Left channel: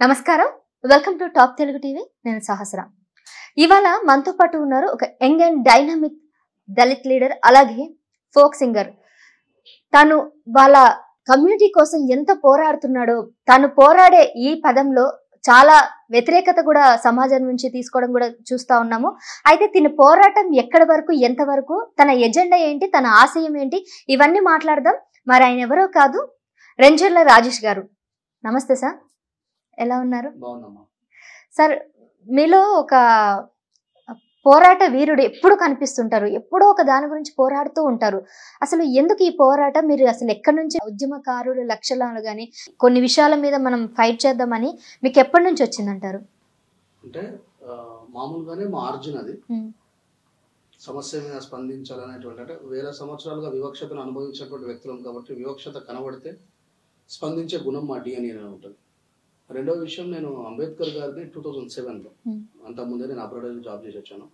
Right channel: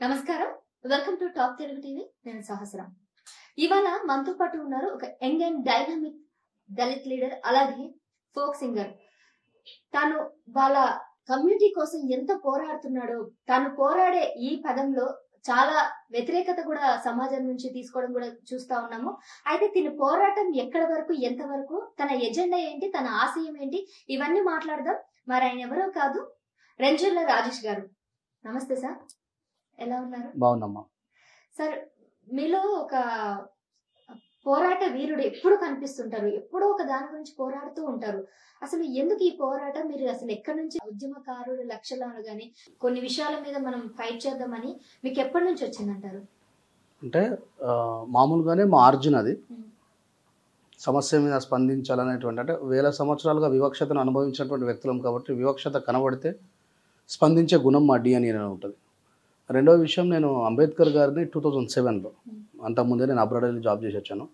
నమస్కారం, welcome to top Telugu TV. నేను సహస్ర. ఇవాళ మనతో పాటు ఉన్నారు ఒక young and dynamic Dalit leader, అలాగే ఫోక్ సింగర్. తను వాళ్ళ కమ్యూనిటీ కోసం ఎంత పోరాడుతున్నాడో, తను పోరాడే ఈ పదంలో చాలా వ్యతిరేకత కూడా సమాజం నుంచి తీసుకోవడం కూడా చూస్తా ఉన్నాము. అయితే తిన పోరాటం ఎక్కడి వరకు, ఎంతవరకు, తన ఎజెండా ఏంటి, తన ఆశయం ఏంటి, ఇవన్నీ మాట్లాడదాం. మరి ఆయన ఎవరో కాదు, రెంజర్ల రాజేష్ గారు. నమస్తే సార్, ఎలా ఉన్నారు? బాగున్నామ్మా. సార్, మీలో ఒక పోరాట వీరుడు ఎప్పుడు కనిపిస్తుంటారు, ఎప్పుడో ఒక దాని గురించి పోరాడుతూ ఉంటారు. అసలు ఎందుకు ఈ పోరాటం? మీరు అసలు ఎక్కడి నుంచి ఉద్యమకారుడు లక్షణాలు కానీ కొన్ని విషయాల మీద మనం ఫైట్ చేద్దామని మీకు ఎప్పటి నుంచి వచ్చిందంటారు? అంటే మామూలుగానే మా ఆర్జున్ అది సమస్య మీద స్పందించాలనేటువంటి, అంటే వేల సంవత్సరాలుగా వివక్షతను అనుభవించినటువంటి వ్యక్తులం కాబట్టి వివక్షత కనబడితే స్పందించే గుణం మా డిఎన్ఏ ఉంటుంది. రెండవ విషయం, నేను అంబేద్కర్ గారిని 2007లో, అంతకుముందే నేను అబ్రాడ్ వెళ్ళి జాబ్ చేసి వచ్చాను.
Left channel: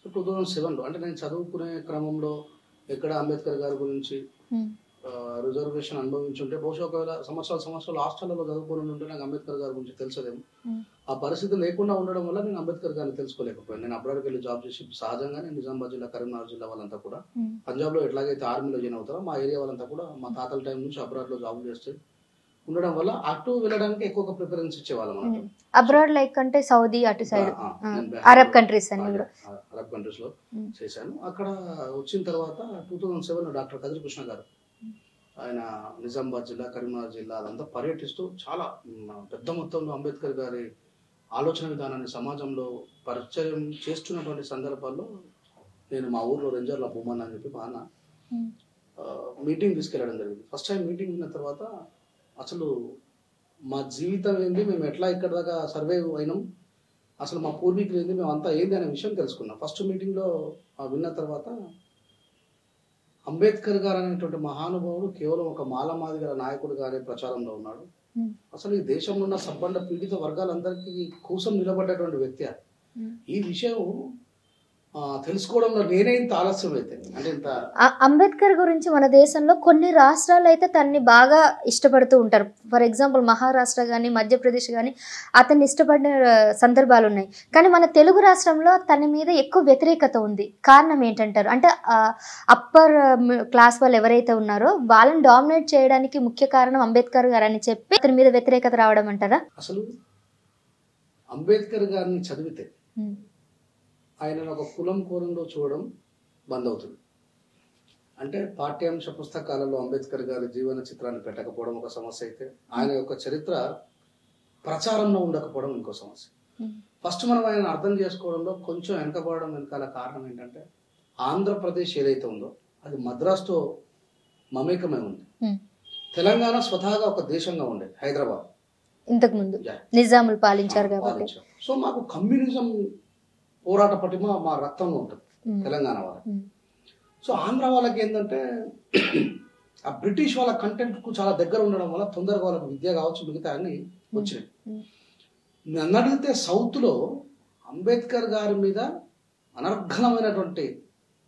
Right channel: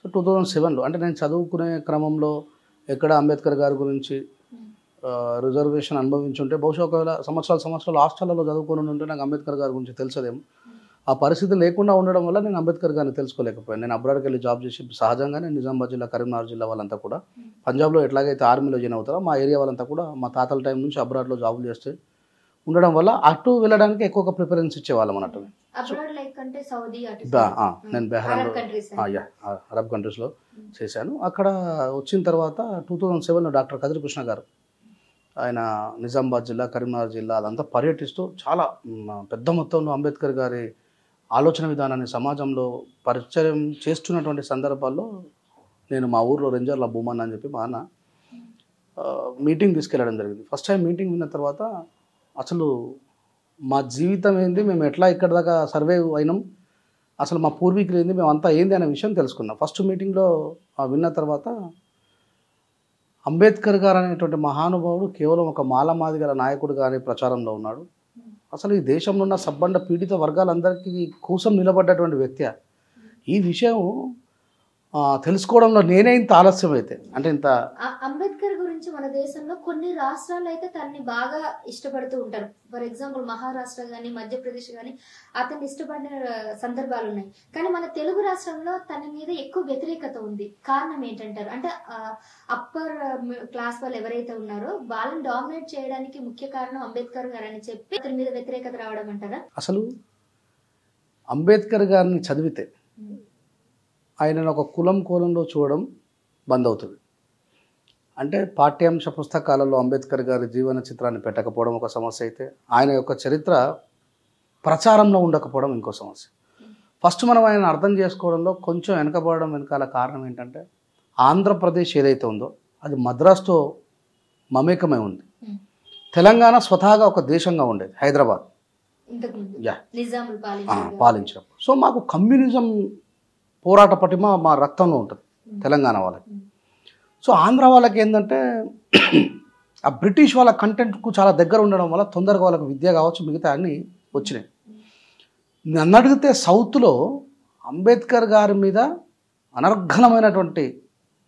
సో 2007లో అంటే నేను చదువుకునే క్రమంలో ఎక్కడ అంబేద్కర్ గారి గురించి రిజర్వేషన్ అనుభవించుంటే బహుశా ఒకవేళ సంవత్సరాలు హాస్టల్లో చదువుకొని ఉంటే నాకు అంబేద్కర్ గారి గురించి తెలుసదేమో. ఆ పరిస్థితి లేకుండా ఉండడం వల్ల నేను అంబేద్కర్ గారిని తెలుసుకోలేకపోయాను. నేను అబ్రాడ్కి వెళ్ళి జాబ్ చేసి సహజంగానే నిజామాబాద్ జిల్లా, కరీంనగర్ జిల్లా వాళ్ళంతా కూడా పంజాబ్లో ఎట్లాగైతే ఆర్మీలో జాయిన్ అవుతారో మా ఏరియా వాళ్ళంతా కూడా మా తాతల టైం నుంచి అబ్రాడ్లో జాబులు చేస్తే ఉండడం వల్ల అటు వెళ్ళడానికి ఎక్కువగా ప్రిఫరెన్స్ ఇచ్చేవాళ్ళం అన్నట్టు. అబ్రాడ్ లైక్ అంటే సౌదీ, అటు నేను అరబ్ కంట్రీస్, అరబ్ కంట్రీస్లో చేశాను. అక్కడ వచ్చిన తర్వాత 2007లో డాక్టర్ కదిరి కృష్ణ గారు, ఆయన నిజామాబాద్ జిల్లా, కరీంనగర్ జిల్లా అదంతా పర్యటిస్తూ చాలా పెద్ద మొత్తంలో అంబేద్కర్ గారి ఆలోచన విధానాన్ని సమాజంలో పరిచయం చేస్తున్నటువంటి సందర్భాల్లో నేను మా ఊర్లో రెంజర్ల భూమన్ అని చెప్పి మా అన్న మీటింగ్ తీసుకెళ్ళడం జరిగింది. ఫస్ట్ టైం మీటింగ్ విన్న తర్వాత అసలు మా జీవితం ఏంది, మేము ఎట్లా ఇక్కడ దాకా సర్వైవ్ అయినాం, అసలు మా పూర్వీకులు ఏంది, మేము అంతా ఏంది అనే విషయం తెలుసుకున్నాం. ఫస్ట్ మీటింగ్లో విన్న తర్వాత అంబేద్కర్ గారు అనేటువంటి మహానుభావుడు కేవలం ఒక మాలమాదిగల నాయకుడు కానీ ప్రచారంలో ఉన్నాడు. అసలు ఈ దేశంలో ఉన్న సబ్బండ పీడిత వర్గాలందరికీ కోసం నిలబడ్డటువంటి వ్యక్తి. ఈ విషయం తెలుసుకోవడంలో నేనే ఇంత ఆలస్యం అయితే, అంటే ఇంత అంబేద్కర్ గురించి మన దేశంలో కొన్ని రాష్ట్రాలు అయితే తనని బాగా ఇష్టపడుతూ ఉంటారు. ఫర్ ఎగ్జాంపుల్ మహారాష్ట్ర కానీ, మధ్యప్రదేశ్ కానీ అతన్ని ఇష్టపడిన సందర్భాలు ఉన్నాయి. కానీ మన తెలుగు రాష్ట్రంలో తన మీద ఎక్కువ వ్యతిరేకత ఉంది. కారణం ఏంటంటారు? అంటే అప్పర్ క్లాస్ వాళ్ళు ఎవరైతే ఉన్నారో వాళ్ళని డామినేట్ చేయడానికి ముఖ్య కారణం అంబేద్కర్ గారు అని చెప్పి అతని మీద వ్యతిరేకత రావడం అంటారా? అసలు అంబేద్కర్ గారిని చదివితే ఆయనను ఒక కులం కోలంలో చూడడం బంద్ అవుతుంది. అంటే పాఠ్యాంశ పుస్తకాలలో అంబేద్కర్ గారి జీవన చిత్రాన్ని పెట్టకపోవడం ఒక సమస్య అయితే, ఆయన యొక్క చరిత్ర ప్రచారంలో ఉండకపోవడం ఇంకో సమస్య. ఫస్ట్ మనం ఆయన అర్థం చేసుకోవడంలో కొంచెం వెనకబడడం వెనకాల కారణం ఏంటంటే, ఆంధ్రప్రదేశ్ ఏదైతే ఉందో అది మద్రాసుతో మమేకమై ఉంది. తెలంగాణ స్వతహాగా ఒక దేశంగా ఉండేది, హైదరాబాద్ ఇంతకుముందు నిజాములు పాలించారు. సో మాకు కమ్యూనిజం పోరాట పటిమ మా రక్తంలో ఉంటుంది తెలంగాణ వాళ్ళకి. సో ఆంధ్ర వాళ్ళకి ఏంటంటే ఆ బ్రిటిష్ వాళ్ళ కంటెంట్కు చాలా దగ్గర ఉండడం వల్ల తొందరగా వాళ్ళకి విద్య కావచ్చు, మిగతా అన్నీ వచ్చినాయి. నన్ను అడిగితే సౌత్లో అంబేద్కర్ గారి మీద అనర్ఘనమైనటువంటి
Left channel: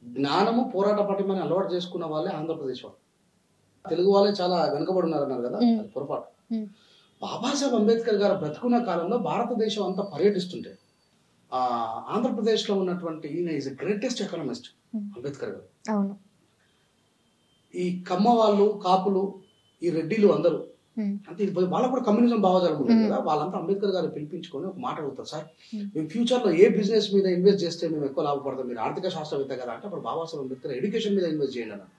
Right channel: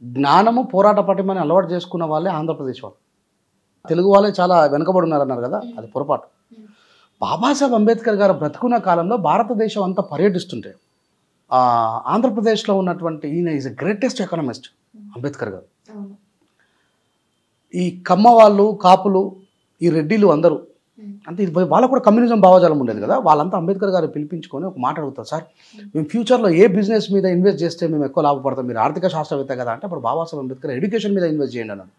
జ్ఞానము, పోరాట పటిమని అలవాటు చేసుకున్న వాళ్ళే ఆంధ్రప్రదేశ్ వాళ్ళు. తెలుగు వాళ్ళే చాలా వెనుకబడి ఉన్నారన్నారు కదా, అది పొరపాటు. బాబాసాహెబ్ అంబేద్కర్ గారు బ్రతుకున్న కాలంలో భారతదేశం అంతా పర్యటిస్తుంటే ఆంధ్రప్రదేశ్లో ఉన్నటువంటి ఈయన ఈజ్ గ్రేటెస్ట్ ఎకనామిస్ట్ అంబేద్కర్ గారు. ఈ కమ్మ వాళ్ళు, కాపులు, ఈ రెడ్డిలు అందరూ అంటే వాళ్ళకు కూడా కమ్యూనిజం భావజాలం ఉండేది కదా, వాళ్ళంతా అంబేద్కర్ గారు పిలిపించుకొని ఒక మాట అడుగుతారు, సార్ మేము ఫ్యూచర్లో ఏ బిజినెస్ మీద ఇన్వెస్ట్ చేస్తే మేము ఎక్కువ లాభపడతాం, మీరు ఆర్థిక శాస్త్రవేత్త కదా అంటే, అప్పుడు బాబాసాహెబ్ అంబేద్కర్ ఎడ్యుకేషన్ మీద ఇన్వెస్ట్ చేయండి అన్నాడు.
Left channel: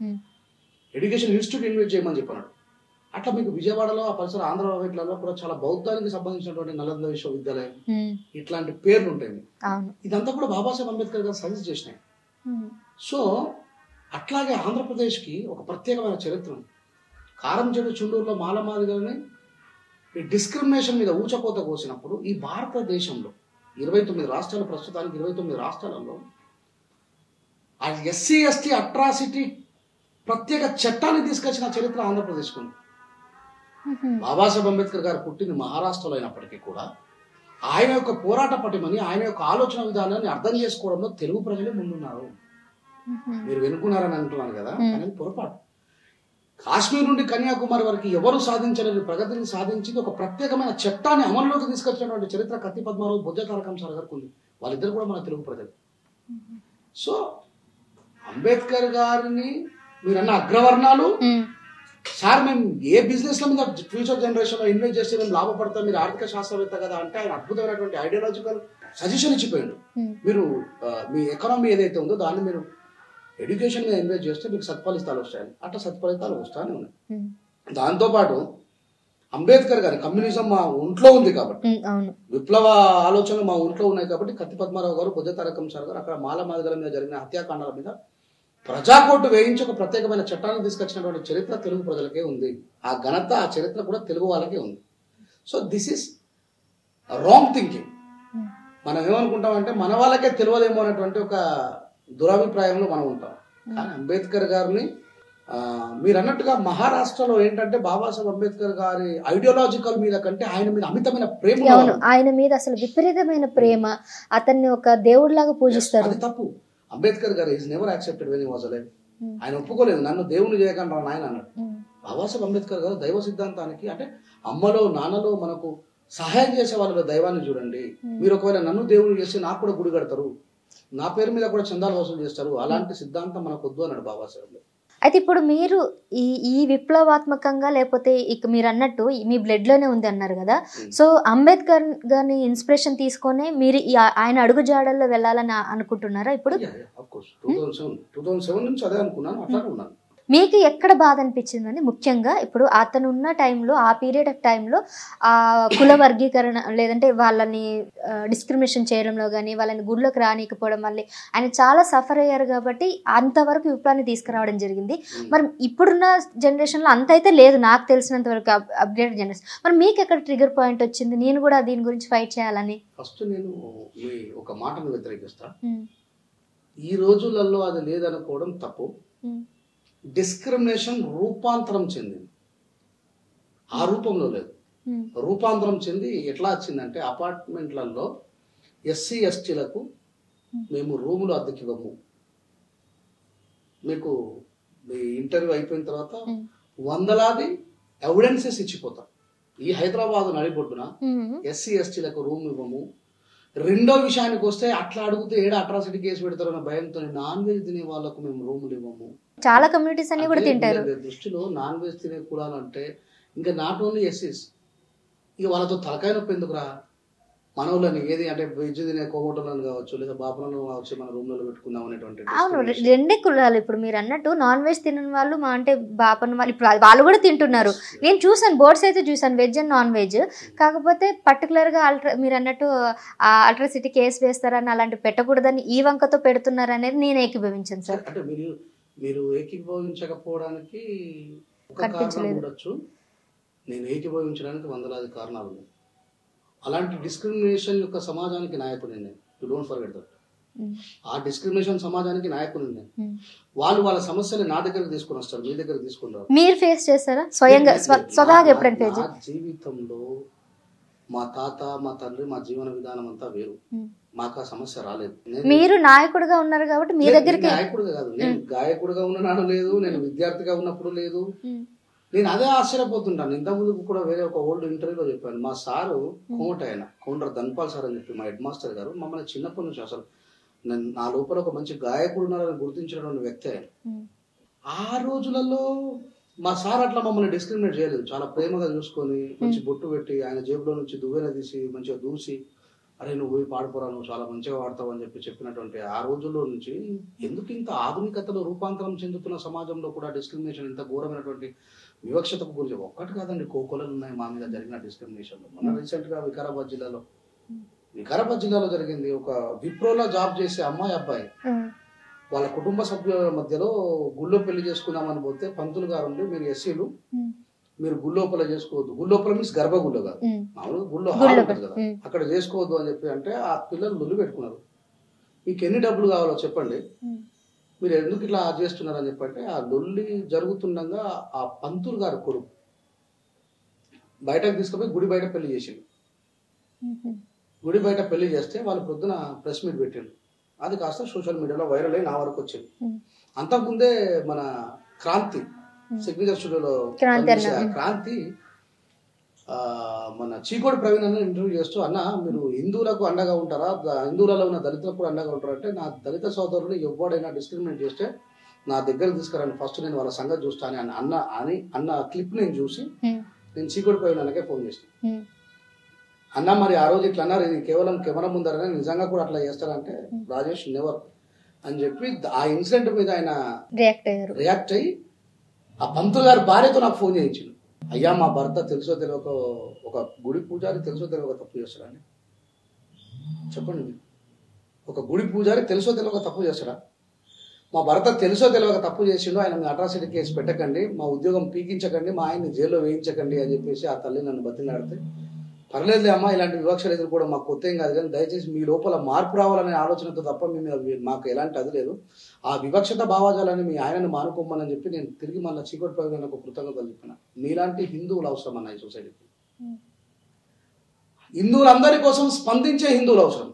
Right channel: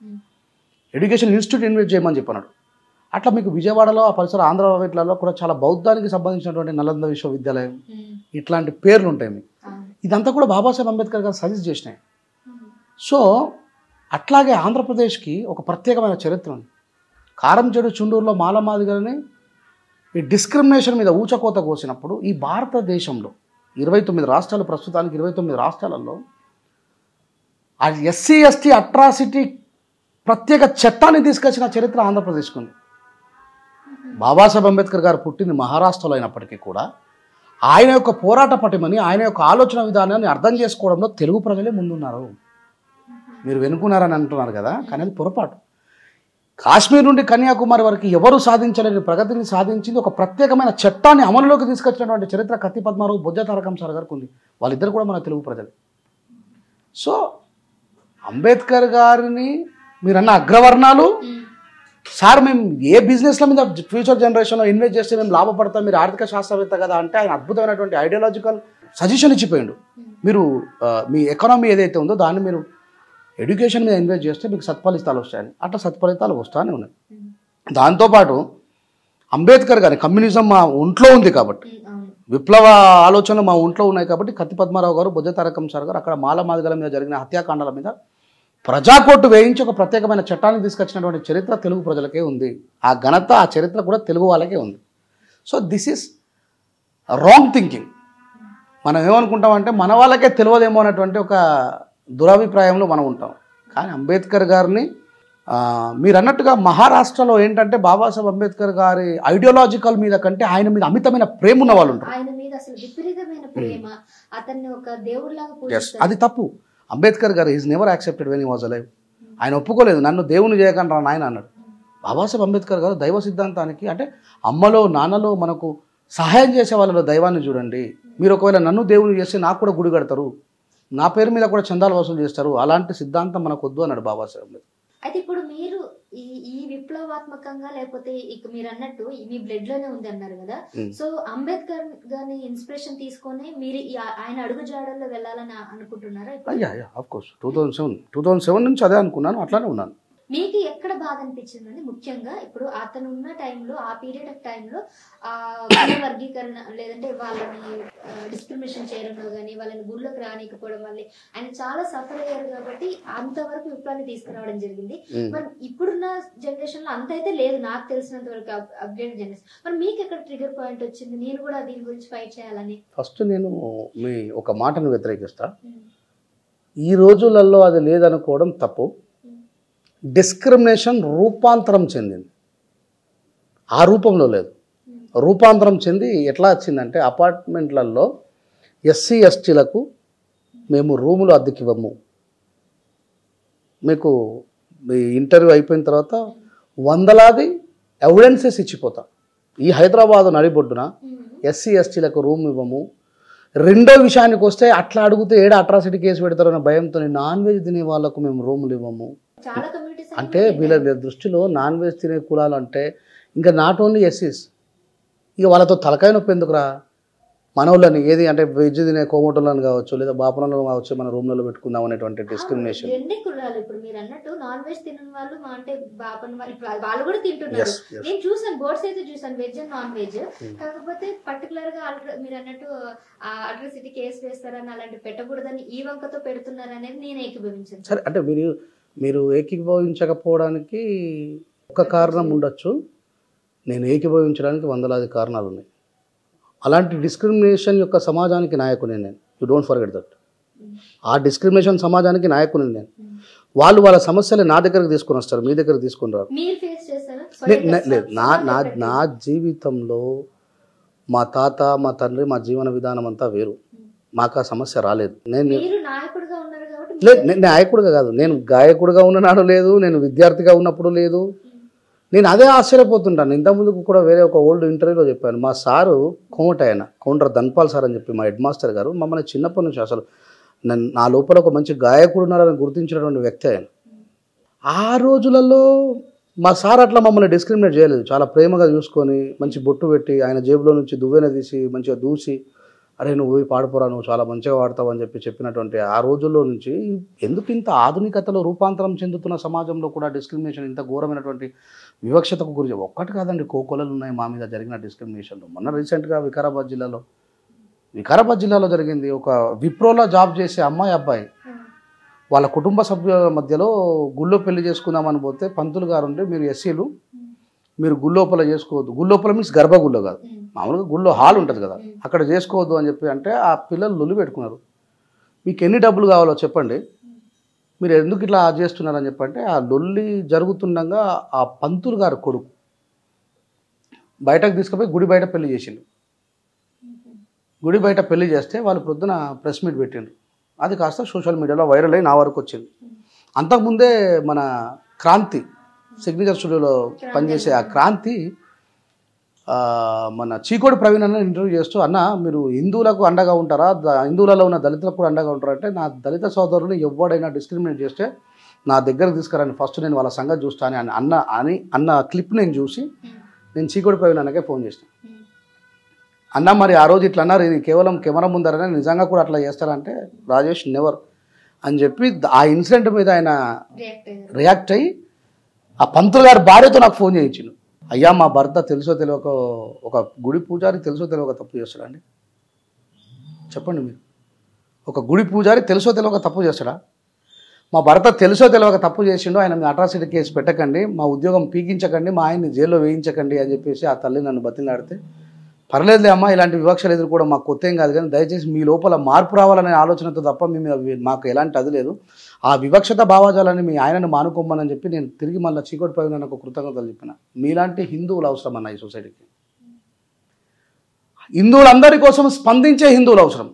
ఎడ్యుకేషన్ ఇన్స్టిట్యూట్ ఇన్వెస్ట్ చేయమని చెప్పన్నాడు. అట్లా మీకు విజయవాడలో, ఆ పరిసర ఆంధ్ర వీటిలలో కూడా చాలా బౌద్ధానికి సంబంధించినటువంటి నలంద విశ్వవిద్యాలయం ఇట్లాంటి పేర్లు ఉంటాయి మీకు. ఇదంతా కూడా బాబాసాహెబ్ అంబేద్కర్ గారు సజెస్ట్ చేసినాయి. సో అట్లాగే ఆంధ్రప్రదేశ్కి ఒక ప్రత్యేకమైన చరిత్ర ఉంది. కారంచేడు, చుండూరులో మాలమాదిగలని ఈ డిస్క్రిమినేషన్ మీద ఊచకోత కోసినప్పుడు ఈ భారతదేశంలో 29 రాష్ట్రాలు, ప్రస్తుతానికి 29 రాష్ట్రాలలో ఆ ఎస్సీ ఎస్టీ అట్రాసిటీ ప్రత్యేక చట్టాన్ని తీసుకొచ్చిన చరిత్ర ఆంధ్రప్రదేశ్కి ఉంది. బాబాసాహెబ్ అంబేద్కర్ గారు పుట్టింది మహారాష్ట్రలో అయినప్పటికీ కూడా ఆయన యొక్క పోరాట పటిమని, ఆయన యొక్క ఆలోచన విధానాన్ని అర్థం చేసుకోవడంలో తెలుగు ప్రజలే ముందున్నారు. మీరు వెనుకున్నారని అంటున్నారు కదా, కానీ అది పొరపాటు. కాశ్మీర్ నుండి కన్యాకుమారి వరకు ఎవరు సాధించలేని ప్రగతిని సాధించింది ఒక ప్రత్యేకమైన చట్టాన్ని అమలులోకి తీసుకొచ్చినటువంటి చరిత్ర కత్తి పద్మారావు బొజ్జ తారకం సార్ గారికి ఉంది. వాళ్ళిద్దరు కూడా మన తెలుగు ప్రజలు. సో అంబేద్కర్ గారిని మీరన్న అగ్రవర్ణాలు సార్ మేము ఏ బిజినెస్ల మీద ఫ్యూచర్ జనరేషన్లో ఇన్వెస్ట్ చేస్తే మేము లాభపడతాం, మీరు ఆర్థిక శాస్త్రవేత్త కదా అంటే ఆయన అద్భుతమైనటువంటి ఐడియాలజికల్ సజెషన్ ఇచ్చిపోయిండు. మీరు మీ ఎకానమీ ఏదైతే ఉందో దాన్ని మీరు ఎడ్యుకేషన్ మీద ఇన్వెస్ట్ చేస్తే మీకు సత్ఫలితాలు వస్తాయని, అట్లా సత్ఫలితాలు వస్తానే ఉన్నాయి. దాంతోపాటు అంబేద్కర్ గారి కమ్యూనిజం మా ఒంట్లో ఉంది కాబట్టి, విప్లవ ఆలోచనలు మా ఒంట్లో ఉన్నాయి కాబట్టి కత్తి పద్మారావు గారు బొజ్జ తారకం సార్ గారు అక్కడ మాల మాదిగల మీద జరిగిన హత్యాకాండాల మీద ప్రజాకోర్టు వేయించి ఒక ప్రత్యేకమైన చట్టాన్ని తీసుకొచ్చినటువంటి చరిత్ర తెలుగు ప్రజలకే ఉంది. ఆ ఘనత ఆ చరిత్ర కూడా తెలుగు వాళ్ళకే ఉంది. So this is wrong thinking. మనం ఏమనుకుంటామంటే మన వాళ్ళకే తెలియదేమో అనేటువంటి ఒక దురభిప్రాయంలో మనం ఉంటాం. కానీ అంబేద్కర్ గారిని మీరు అన్నట్టుగా మహారాష్ట్రలో ఏంటంటే బాబాసాహెబ్ అంబేద్కర్ గారి ఐడియాలజికల్ మీద కంటే ఆయన మీద అమితమైన ప్రేమ ఉన్న వాళ్ళు, ఆయన మీద అసలు విపరీతమైన ప్రేమ, అతన్ని ఒక దేవుడిలాగా పూజిస్తారు. అది తప్పు. అంబేద్కర్ గారు is never accepted when he was alive. ఆయన ఒప్పుకోలేదు, నన్ను దేవుని చేయకుండా ఆయన అన్నాడు. బాబాసాహెబ్ అంబేద్కర్ గారు దైవ సిద్ధాంతానికి అంటే అమ్మలో నాన్నలో మనకు సహాయం చేసే వాళ్ళలో దైవాన్ని చూడండి, మీరు ఒకవేళ నన్ను దేవుని చేస్తే నాకు కూడా గుడి కడతారు, నా పేరు మీద కూడా చందాలు వసూలు చేస్తారు, అలాంటి సిద్ధాంతం మనకు వద్దు అన్నాడు బాబాసాహెబ్ అంబేద్కర్. అయితే ఇప్పుడు మీరు ఈ విప్లవాత్మకంగా లేకపోతే ఇక మీరు అన్నట్టు మీ బ్లడ్ లోనే ఉంది అన్నారు కదా, సో అంబేద్కర్ గారిని ఇన్స్పిరేషన్ తీసుకొని మీరు ఆయన అడుగు జాడల్లో వెళ్ళాలని అనుకుంటున్నారా ఇప్పుడు? ఆఫ్ కోర్స్ 2007 నుంచి అదే అనుకున్నాను, అట్లానే ఉన్నాను. మీకు ఎక్కడ బాధ అనిపించిందని? ముఖ్యంగా ఇప్పుడు అతను ఉన్న టైంలో, ఆ పీరియడ్ ఆఫ్ టైంలో ఆ కుల వర్గీకరణ లేదంటే వాళ్ళని డిస్క్రిమినేషన్ చేయడంలో కానీ వాళ్ళని గుడిలోకి రానికపోవడం వల్ల ఆయన చాలా సఫర్ అయ్యారు కాబట్టి అంతవరకు విప్లవాన్ని తీసుకురావడం జరిగింది. మరి ఇప్పుడున్న జనరేషన్లో అంత అయితే లేదు నాకు తెలిసినంత వరకు, అప్డేట్ జనరేషన్. మరి మీకు ఎక్కడ ట్రిగర్ పాయింట్ వచ్చింది నేను కూడా దీని గురించి ఫైట్ చేయాలని? ఫస్ట్ నేను మీ ఒక మాటను వ్యతిరేకిస్తా. ఈ రోజులలో అది లేదనుకోవడం తప్పు. డిస్క్రిమినేషన్ రూపాంతరం చెందింది, ఆ రూపంలో లేదు. రూపాంతరం చెంది ఎట్లా వచ్చిందంటే అపార్ట్మెంట్లలో ఎస్సీ ఎస్టీలకు మేము రూములు అద్దెకివ్వము, మీకు మీ ఇంటర్వ్యూ అయిపోయిన తర్వాత వందలాది ఎవిడెన్సెస్ ఇచ్చిపోతాం. ఈ హైదరాబాద్ నడిబొడ్డున ఎస్సీ ఎస్టీలకు రూమ్ ఇవ్వము. రెండో విషయానికి వస్తే అట్లా అడిగితే ఏడా అట్రాసిటీ కేసు పెడతారన్న భయంతో నాన్ వెజ్ తినే వాళ్ళకు మేము రూములు ఇవ్వము. చాలా కమ్యూనిటీస్ అన్ని అంటే వీళ్ళ దృష్టిలో నాన్ వెజ్ తినే కులాలు అంటే ఇంకా నాట్ ఓన్లీ ఎస్సీస్, ఇక వాళ్ళతో తలకాయ నొప్పి ఎందుకురా, మనోళ్ళని ఏది అంటే వెజ్ తినే కోమటోళ్ళని కావచ్చు లేదా బాపనలో కావచ్చు మన రూమ్లలో పెట్టుకుందాం అనేటువంటి డిస్క్రిమినేషన్. రెండే కులాలు ఇప్పుడు మీరు అన్నట్టు నాన్ వెజ్ తినని వాళ్ళు మా అంటే బాపన వాళ్ళు ఇప్పుడు వాళ్ళు కూడా తింటున్నారు. నేను చూసాను, బోర్డ్స్ అయితే చూసాను వెజ్ అండ్ నాన్ వెజ్. కాకపోతే పర్టికులర్ గా మీరు అన్నట్టు అల్ట్రాసిటీ కేసు వేస్తారని అలాంటి పెట్టకూడదని ఈ వంకతో పెడుతున్నారు అనేది నేను ఏకీభవించాను సార్. అంటే మీరు ఏకీభవించకపోవడానికి ఒక కారణం ఉండొచ్చు, నేను ఏకీభవించడానికి వందలాది కారణాలు ఉన్నాయి. అలాంటి డిస్క్రిమినేషన్ యొక్క సమాజానికి నాయకుని నేను, యూ డోంట్ ఫర్గెట్ దట్. ఆ డిస్క్రిమినేషన్ సమాజానికి నాయకుని నేను. వాళ్ళు వాళ్ళ సమస్యలు నా దగ్గరకు తీసుకొని వస్తారు, మీ దగ్గర తీసుకొని రారు. మీరు ఫేస్ చేస్తారా? నా జీవితంలో మా తాత మా తండ్రి మా జీవన విధానం అంతా వేరు, మాకు ఆ సమస్య రాలేదు. మీరు నాయకుడిగా ఉన్నారు కాబట్టి నేను నాయకుడిగా కాదు, నేను గాయకుడిగా ఉన్ననాడు లేదు, నేను విద్యార్థిగా ఉన్నప్పుడు లేదు. నేను అదే ఆశ్చర్యపోతుంటాను. ఇంతకుముందుకు కూడా వేరే ఒక ఓల్డ్ ఇంటర్వ్యూలో చెప్పాను, మా సారు కౌంటర్ ధన్పాల్ సార్ అని చెప్పి మా హెడ్ మాస్టర్ గారు మమ్మల్ని చిన్నప్పటి నుంచి అసలు నా లోపల ఒక మంచి గాయకుడు ఉన్నారని గుర్తించినటువంటి వ్యక్తి ఆయన. ఆ రోజులలో మా సార్ అట్లా మమ్మల్ని డిస్క్రిమినేట్ చేయలేదు, చాలా ప్రేమగా చూసుకొని మంచి బొట్టు పెట్టి ఆయన జేబులో నుంచి దువ్వెన తీసి మంచిగా దూసి అరే నువ్వు పోయి పాడిపోరా, నువ్వు చాలా మంచిగా పాడతావు అని చెప్పినటువంటి ఆ రోజుల్లో నుంచి ఎందుకు ఇంత ఆధునికతలో రూపాంతరం చెందుతున్న సమాజంలో కూడా డిస్క్రిమినేషన్ ఇంత ఘోరమైనటువంటి వివక్షతకు గురించి ఒక్కటి కాదండి, కోకొలలు ఉన్నాయి మా మీద జరిగిన డిస్క్రిమినేషన్లో. మొన్న రీసెంట్గా వికారాబాద్ జిల్లాలో జరిగింది. ఒక విప్రోలో జాబ్ చేసే అబ్బాయి వాళ్ళ కుటుంబ సభ్యుల మధ్యలో గుళ్ళో పెళ్లి చేసుకుందామని పోతే పంతులు గారు ఉంటే మీరు ఎస్సీలు మీరు గుళ్ళోపల చేసుకోవద్దు, గుళ్ళోపల మీన్స్ గర్భగుళ్ళో కాదు, మామూలుగా గుళ్ళో హాల్ ఉంటుంది కదా అక్కడ చేసుకోవద్దు అని చెప్పి అంటే ఆ పిల్లలు లొల్లి పెట్టుకున్నారు. మీకు ఎన్ని డబ్బులు కావాలో చెప్పండి, మీరు ఎందుకు ఇట్లా చేస్తున్నారని చెప్పంటే ఆ లొల్లి జరుగుతుండగా ఆ పంతులు గారు కొడుకు బయటకు తీసుకుపోయి గుడి బయట పెళ్లి చేసిండు. గుడి బయట పెళ్లి చేస్తే వాళ్ళు పొద్దున ప్రెస్ మీట్ పెట్టిండ్రు. అది కాస్త సోషల్ మీడియాలో వైరల్ అయ్యి నా వరకు వచ్చింది. అంతకుముందే మన క్రాంతి సిగ్నేచర్ స్టూడియోలో పనిచేసే ఆ క్రాంతి మన చీకోడి ప్రవీణ్ అన్న ఇంటర్వ్యూ చేస్తూ, అన్న మీరు హిందువులకు అండగా ఉంటారా, హిందువులలో ఉన్న దళితులకు కూడా అండగా ఉంటారా అంటే, నా దళిత సోదరులు ఎవడైనా డిస్క్రిమినేట్ చేస్తే నా దగ్గరకు తీసుకురండి, ఫస్ట్ నేను వాళ్ళ సంగతి చూస్తాను అన్న క్లిప్ నేను చూసి నేను చీకోడి ప్రవీణ్ అన్నకే ఫోన్ చేస్తాను. అన్న మరి ఆ రోజు ఇట్లా అన్నారు, ఇది కేవలం కెమెరా ముందరనే నిజంగా కూడా అట్లా చేస్తారంటే, రాజేష్ నెవర్ అని చెప్పి ఆ ఇన్సిడెంట్ మీద ఆయన రియాక్ట్ అయ్యి ఆ పంతులు గారి భార్యతో నాకు ఫోన్ చేయించిండు. అయ్యా మా భర్త తెలుసో తెలియక, ఒక గుడి పూజారి తెలుసో తెలియక తప్పు చేస్తాడండి, చెప్పండి మీరు. ఒక గుడి పూజారి తెలుసో తెలియక తప్పు చేస్తాడా? మా భర్త తెలుసో తెలియక తప్పు చేసిండు, ఆయన మీ అట్రాసిటీ కేసు పెట్టకండి, మా ఉద్యోగం పీకించకండి, మా ఆయన్ని జైల్లో వేయించకండి అని చెప్పేసి ఆ తల్లి నన్ను బతిలాడితే, పర్లేదులే అమ్మ, ఇలాంటి వివక్షలు ఎదురు కూడా మాకు కొత్త ఏం కాదు, కానీ దయచేసి మీ లోపల మార్పు రావాలనే ఆలోచనతో తప్ప మాకు ఎలాంటి అది లేదు, ఆ వివక్షత భావాజాలని మీ ఆయనను మానుకోమని చెప్పి నేను తిరిగి మళ్ళీ చీకోటి ప్రవీణ్ ఒక కృతజ్ఞతలు చెప్పిన. మీలాంటి హిందువులు అవసరం అన్న ఈ సొసైటీకి. హిందువులందరి కోసం స్పందించే హిందువులు అవసరం.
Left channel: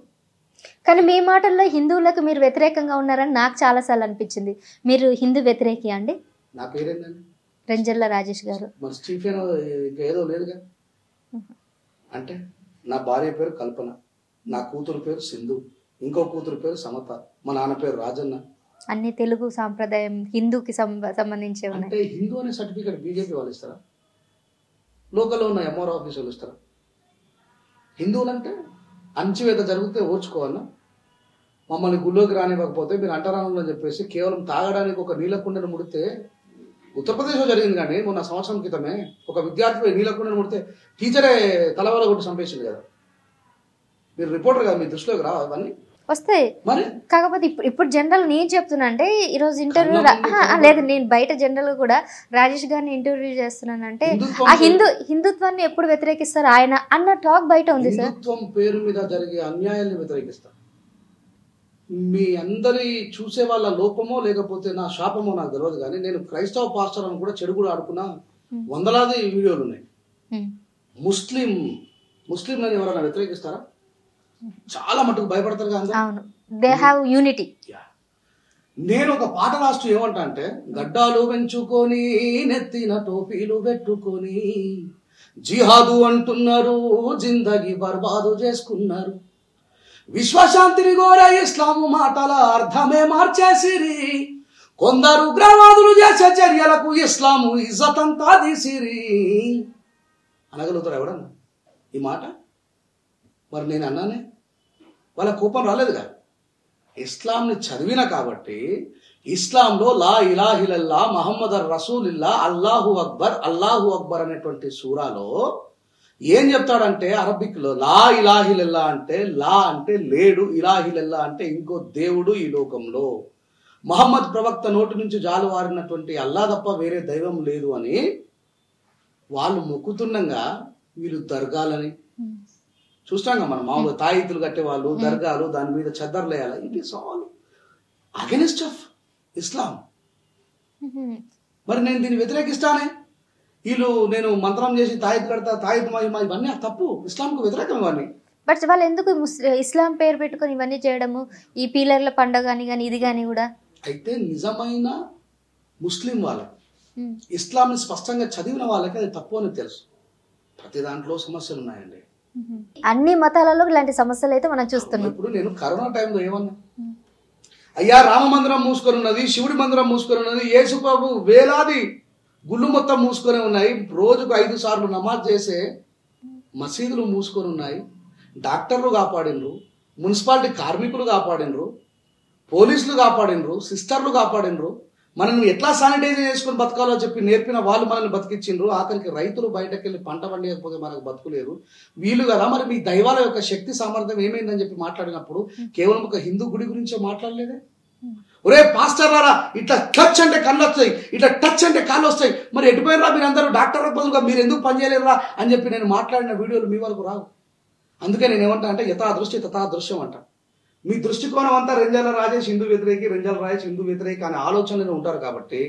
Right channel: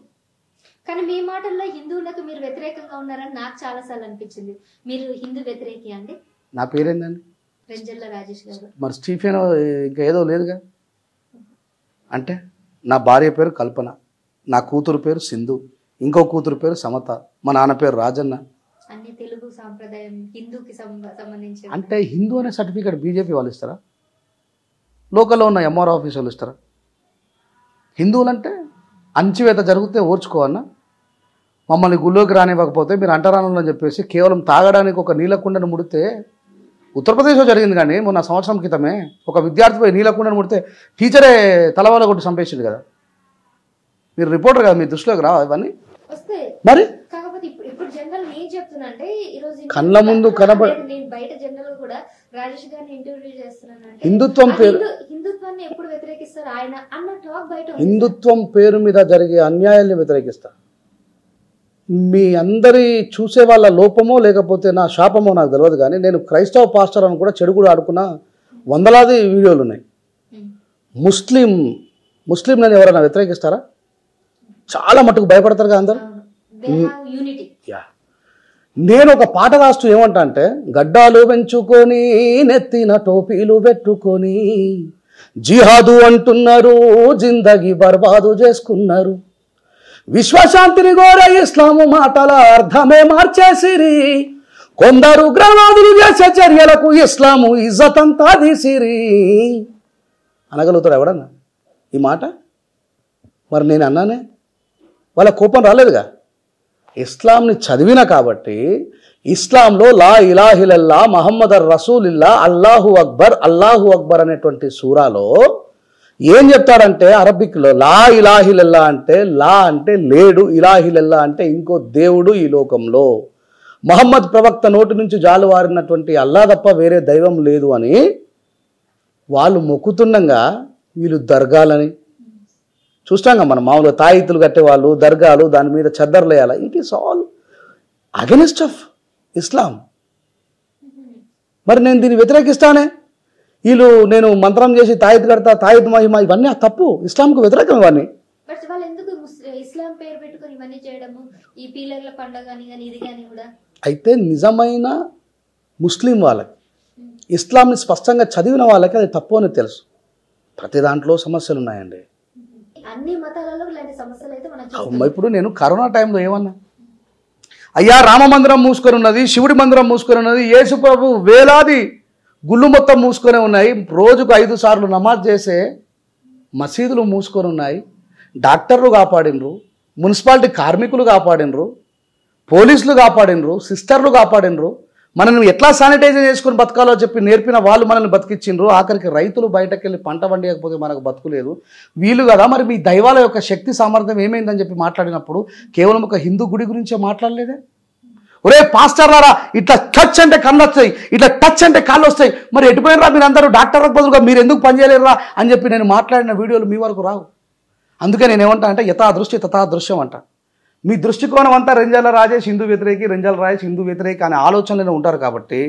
కానీ మీ మాటల్లో హిందువులకు మీరు వ్యతిరేకంగా ఉన్నారని నాకు చాలాసార్లు అనిపించింది. మీరు హిందూ వ్యతిరేకి అండి? నా పేరేందండి? రెంజర్ల రాజేష్ గారు. మరి స్టీఫెన్ ఇంకా ఏదో లేదుగా. అంటే నా భార్య పేరు కల్పన, నా కూతురు పేరు సింధు, ఇంకో కూతురు పేరు సమత, మా నాన్న పేరు రాజన్న. అన్ని తెలుగు సాంప్రదాయం హిందూకి సంబంధించి. అంటే హిందూ అనే సర్టిఫికేట్ బీజేపీ వాళ్ళు ఇస్తారా? లోకల్లో ఉన్న ఎంఆర్ఓ ఆఫీస్ వాళ్ళు ఇస్తారా? హిందువులంటే అంచివేత జరిగితే ఓర్చుకోవన్నా, మమ్మల్ని గుళ్ళోకి రానివ్వకపోతే మీరు అంటరానని చెప్పేసి కేవలం తాగడానికి ఒక నీలకుండను ముడితే, ఉత్తరప్రదేశ్లో జరిగింది కానీ మొన్న సంవత్సరం క్రితమే ఒక విద్యార్థిపై నీలకుండను ముడితే టీచరే తలవాళ్ళ కొట్టి చంపేసింది కదా. మీరు రిపోర్టర్ కదా, మీ దృష్టిలోకి రావా ఇవన్నీ? వస్తాయి మరి. కాకపోతే ఇప్పుడు జనరల్ నేను చెప్తున్నా అంటే, ఈరోజు లేదు నేను బయట జనరల్ కూడా రాజేష్ గారిని ఇంటర్వ్యూ చేస్తున్నానంటే, హిందుత్వాన్ని ఎప్పుడు వ్యతిరేకిస్తారు ఆయన అన్న టాక్ బయట ఉంది. హిందుత్వం పేరు మీద జరిగే అన్యాయాన్ని వ్యతిరేకిస్తారు. మీ అందరి చూసే వాళ్ళ లోపమో లేకపోతే నా శాపమో నాకు తెలియదు, కానీ నేను క్రైస్తవ పాస్టర్ అని కూడా చెడు కూడా ఆడుకున్న వందలాది వీడియోలు ఉన్నాయి. ముస్లిం నన్ను ఎవరైనా వ్యతిరేకిస్తారా? చాలా మటుకు భయపడతారు కదా అందరూ. నేను ఒక పాట రాస్తూ ఏమంటా అంటే, గడ్డాలు పెంచుకొని నెత్తిన టోపీలు పెట్టుకొని జిహాదు అంటున్నారు, జిందగీ బర్బాదు చేసుకున్నారు, విశ్వశాంతిని కోరే ఇస్లాము మాటల అర్థమే మార్చేసిరి, కొందరు గ్రవాదులు చేసే చర్యలకు ఇస్లాము ఇజ్జతంతా తీసిరి అనగలుగుతాడు ఎవడన్నా ఈ మాట? మరి నేను అన్నానే, వాళ్ళ కోపం రాలేదుగా. ఇస్లాంని చదివిన కాబట్టి ఇస్లాంలో లా ఇలాహిలల్లా మహమ్మద్ రసూలిల్లా అల్లాహు అక్బర్ అనేటువంటి సూరాలో ఏం చెప్తాడంటే, అరబిక్లో లా ఇలాహిలల్లా అంటే లా అంటే లేడు, ఇలాహిలల్లా అంటే ఇంకో దేవుడు ఈ లోకంలో, మహమ్మద్ ప్రవక్త నోటి నుంచి జాలువారినటువంటి అల్లా తప్ప వేరే దైవం లేదు అని వాళ్ళు మొక్కుతుండగా వీళ్ళు దర్గాలని చూస్తాం. మనం మామూలుగా తాయితులు కట్టేవాళ్ళు, దర్గాలు, దాని మీద చద్దర్లు వేయాలి. It is all against of Islam. మరి నేను దీన్ని వ్యతిరేకిస్తానే. వీళ్ళు నేను మంత్రం చేసి తాయితు కడతా, తాయితు మహిమ, ఇవన్నీ తప్పు, ఇస్లాంకు వ్యతిరేకం ఇవన్నీ. బట్ వాళ్ళు ఎందుకు ఇస్లాం పేరు పెట్టుకొని ఇవన్నీ చేయడము, ఈ పీలర్ల పండుగ కానీ ఇది కానీ కూడా? అయితే నిజమైన ముస్లిం వాళ్ళకి, ఇస్లాంని స్పష్టంగా చదివిన వాళ్ళకి అది తప్పు అని తెలుసు. ప్రతి దాంట్లో సమస్యలు ఉన్నాయండి. అన్ని మతాలలో ఇలాంటి సమస్యలు అయితే మనం చూస్తున్నాం. ఇప్పుడు నేను కరోనా టైంలో ఏమన్నా, అయ్యా రామ మందిరం మూసుకొని ఉన్నది, శివుడి మందిరం మూసుకొని ఉన్నది, యేసు ప్రభు వేలాది గుళ్ళు మొత్తం మూసుకొని ఉన్నాయి, రోజుకు 5 సార్లు నమాజ్ చేసే మసీదులు మూసుకొని ఉన్నాయి, డాక్టర్లు కాపాడినరు, మున్సిపాలిటీ కార్మికులు కాపాడినరు, పోలీసులు కాపాడినరు, సిస్టర్లు కాపాడినరు, మనల్ని ఎట్లా శానిటైజర్ చేసుకుని బతకాలో చెప్పి నేర్పిన వాళ్ళు మనల్ని బతికించిండ్రు. ఆఖరికి రైతులు బయటకు వెళ్ళి పంట పండియకపోతే మనకు బతుకులేదు. వీళ్ళు కదా మరి మీ దైవాల యొక్క శక్తి సామర్థ్యం ఏమైందని చెప్పి మాట్లాడినప్పుడు కేవలం ఒక హిందూ గుడి గురించే మాట్లాడలేదే. ఒరే పాస్టర్లారా, ఇట్లా టచ్ అంటే కళ్ళు వస్తాయి, ఇట్లా టచ్ అంటే కాళ్ళు వస్తాయి, మరి ఎటుపోయినరా మీరు అందరూ డాక్టర్ బదులుగా మీరు ఎందుకు పనిచేయలేరురా అని చెప్పి నేను మాట్లాడిన వీడియోలు మీ వరకు రావు. అందుకే నేను ఏమంటా అంటే యథా దృష్టి తథా దృశ్యం అంట. మీ దృష్టికోణం అంతా రెంజాల రాజేష్ హిందూ వ్యతిరేకి, రెంజాల రాజేష్ హిందూ వ్యతిరేకి అనే ఆలోచనలోనే ఉంటారు. కాబట్టి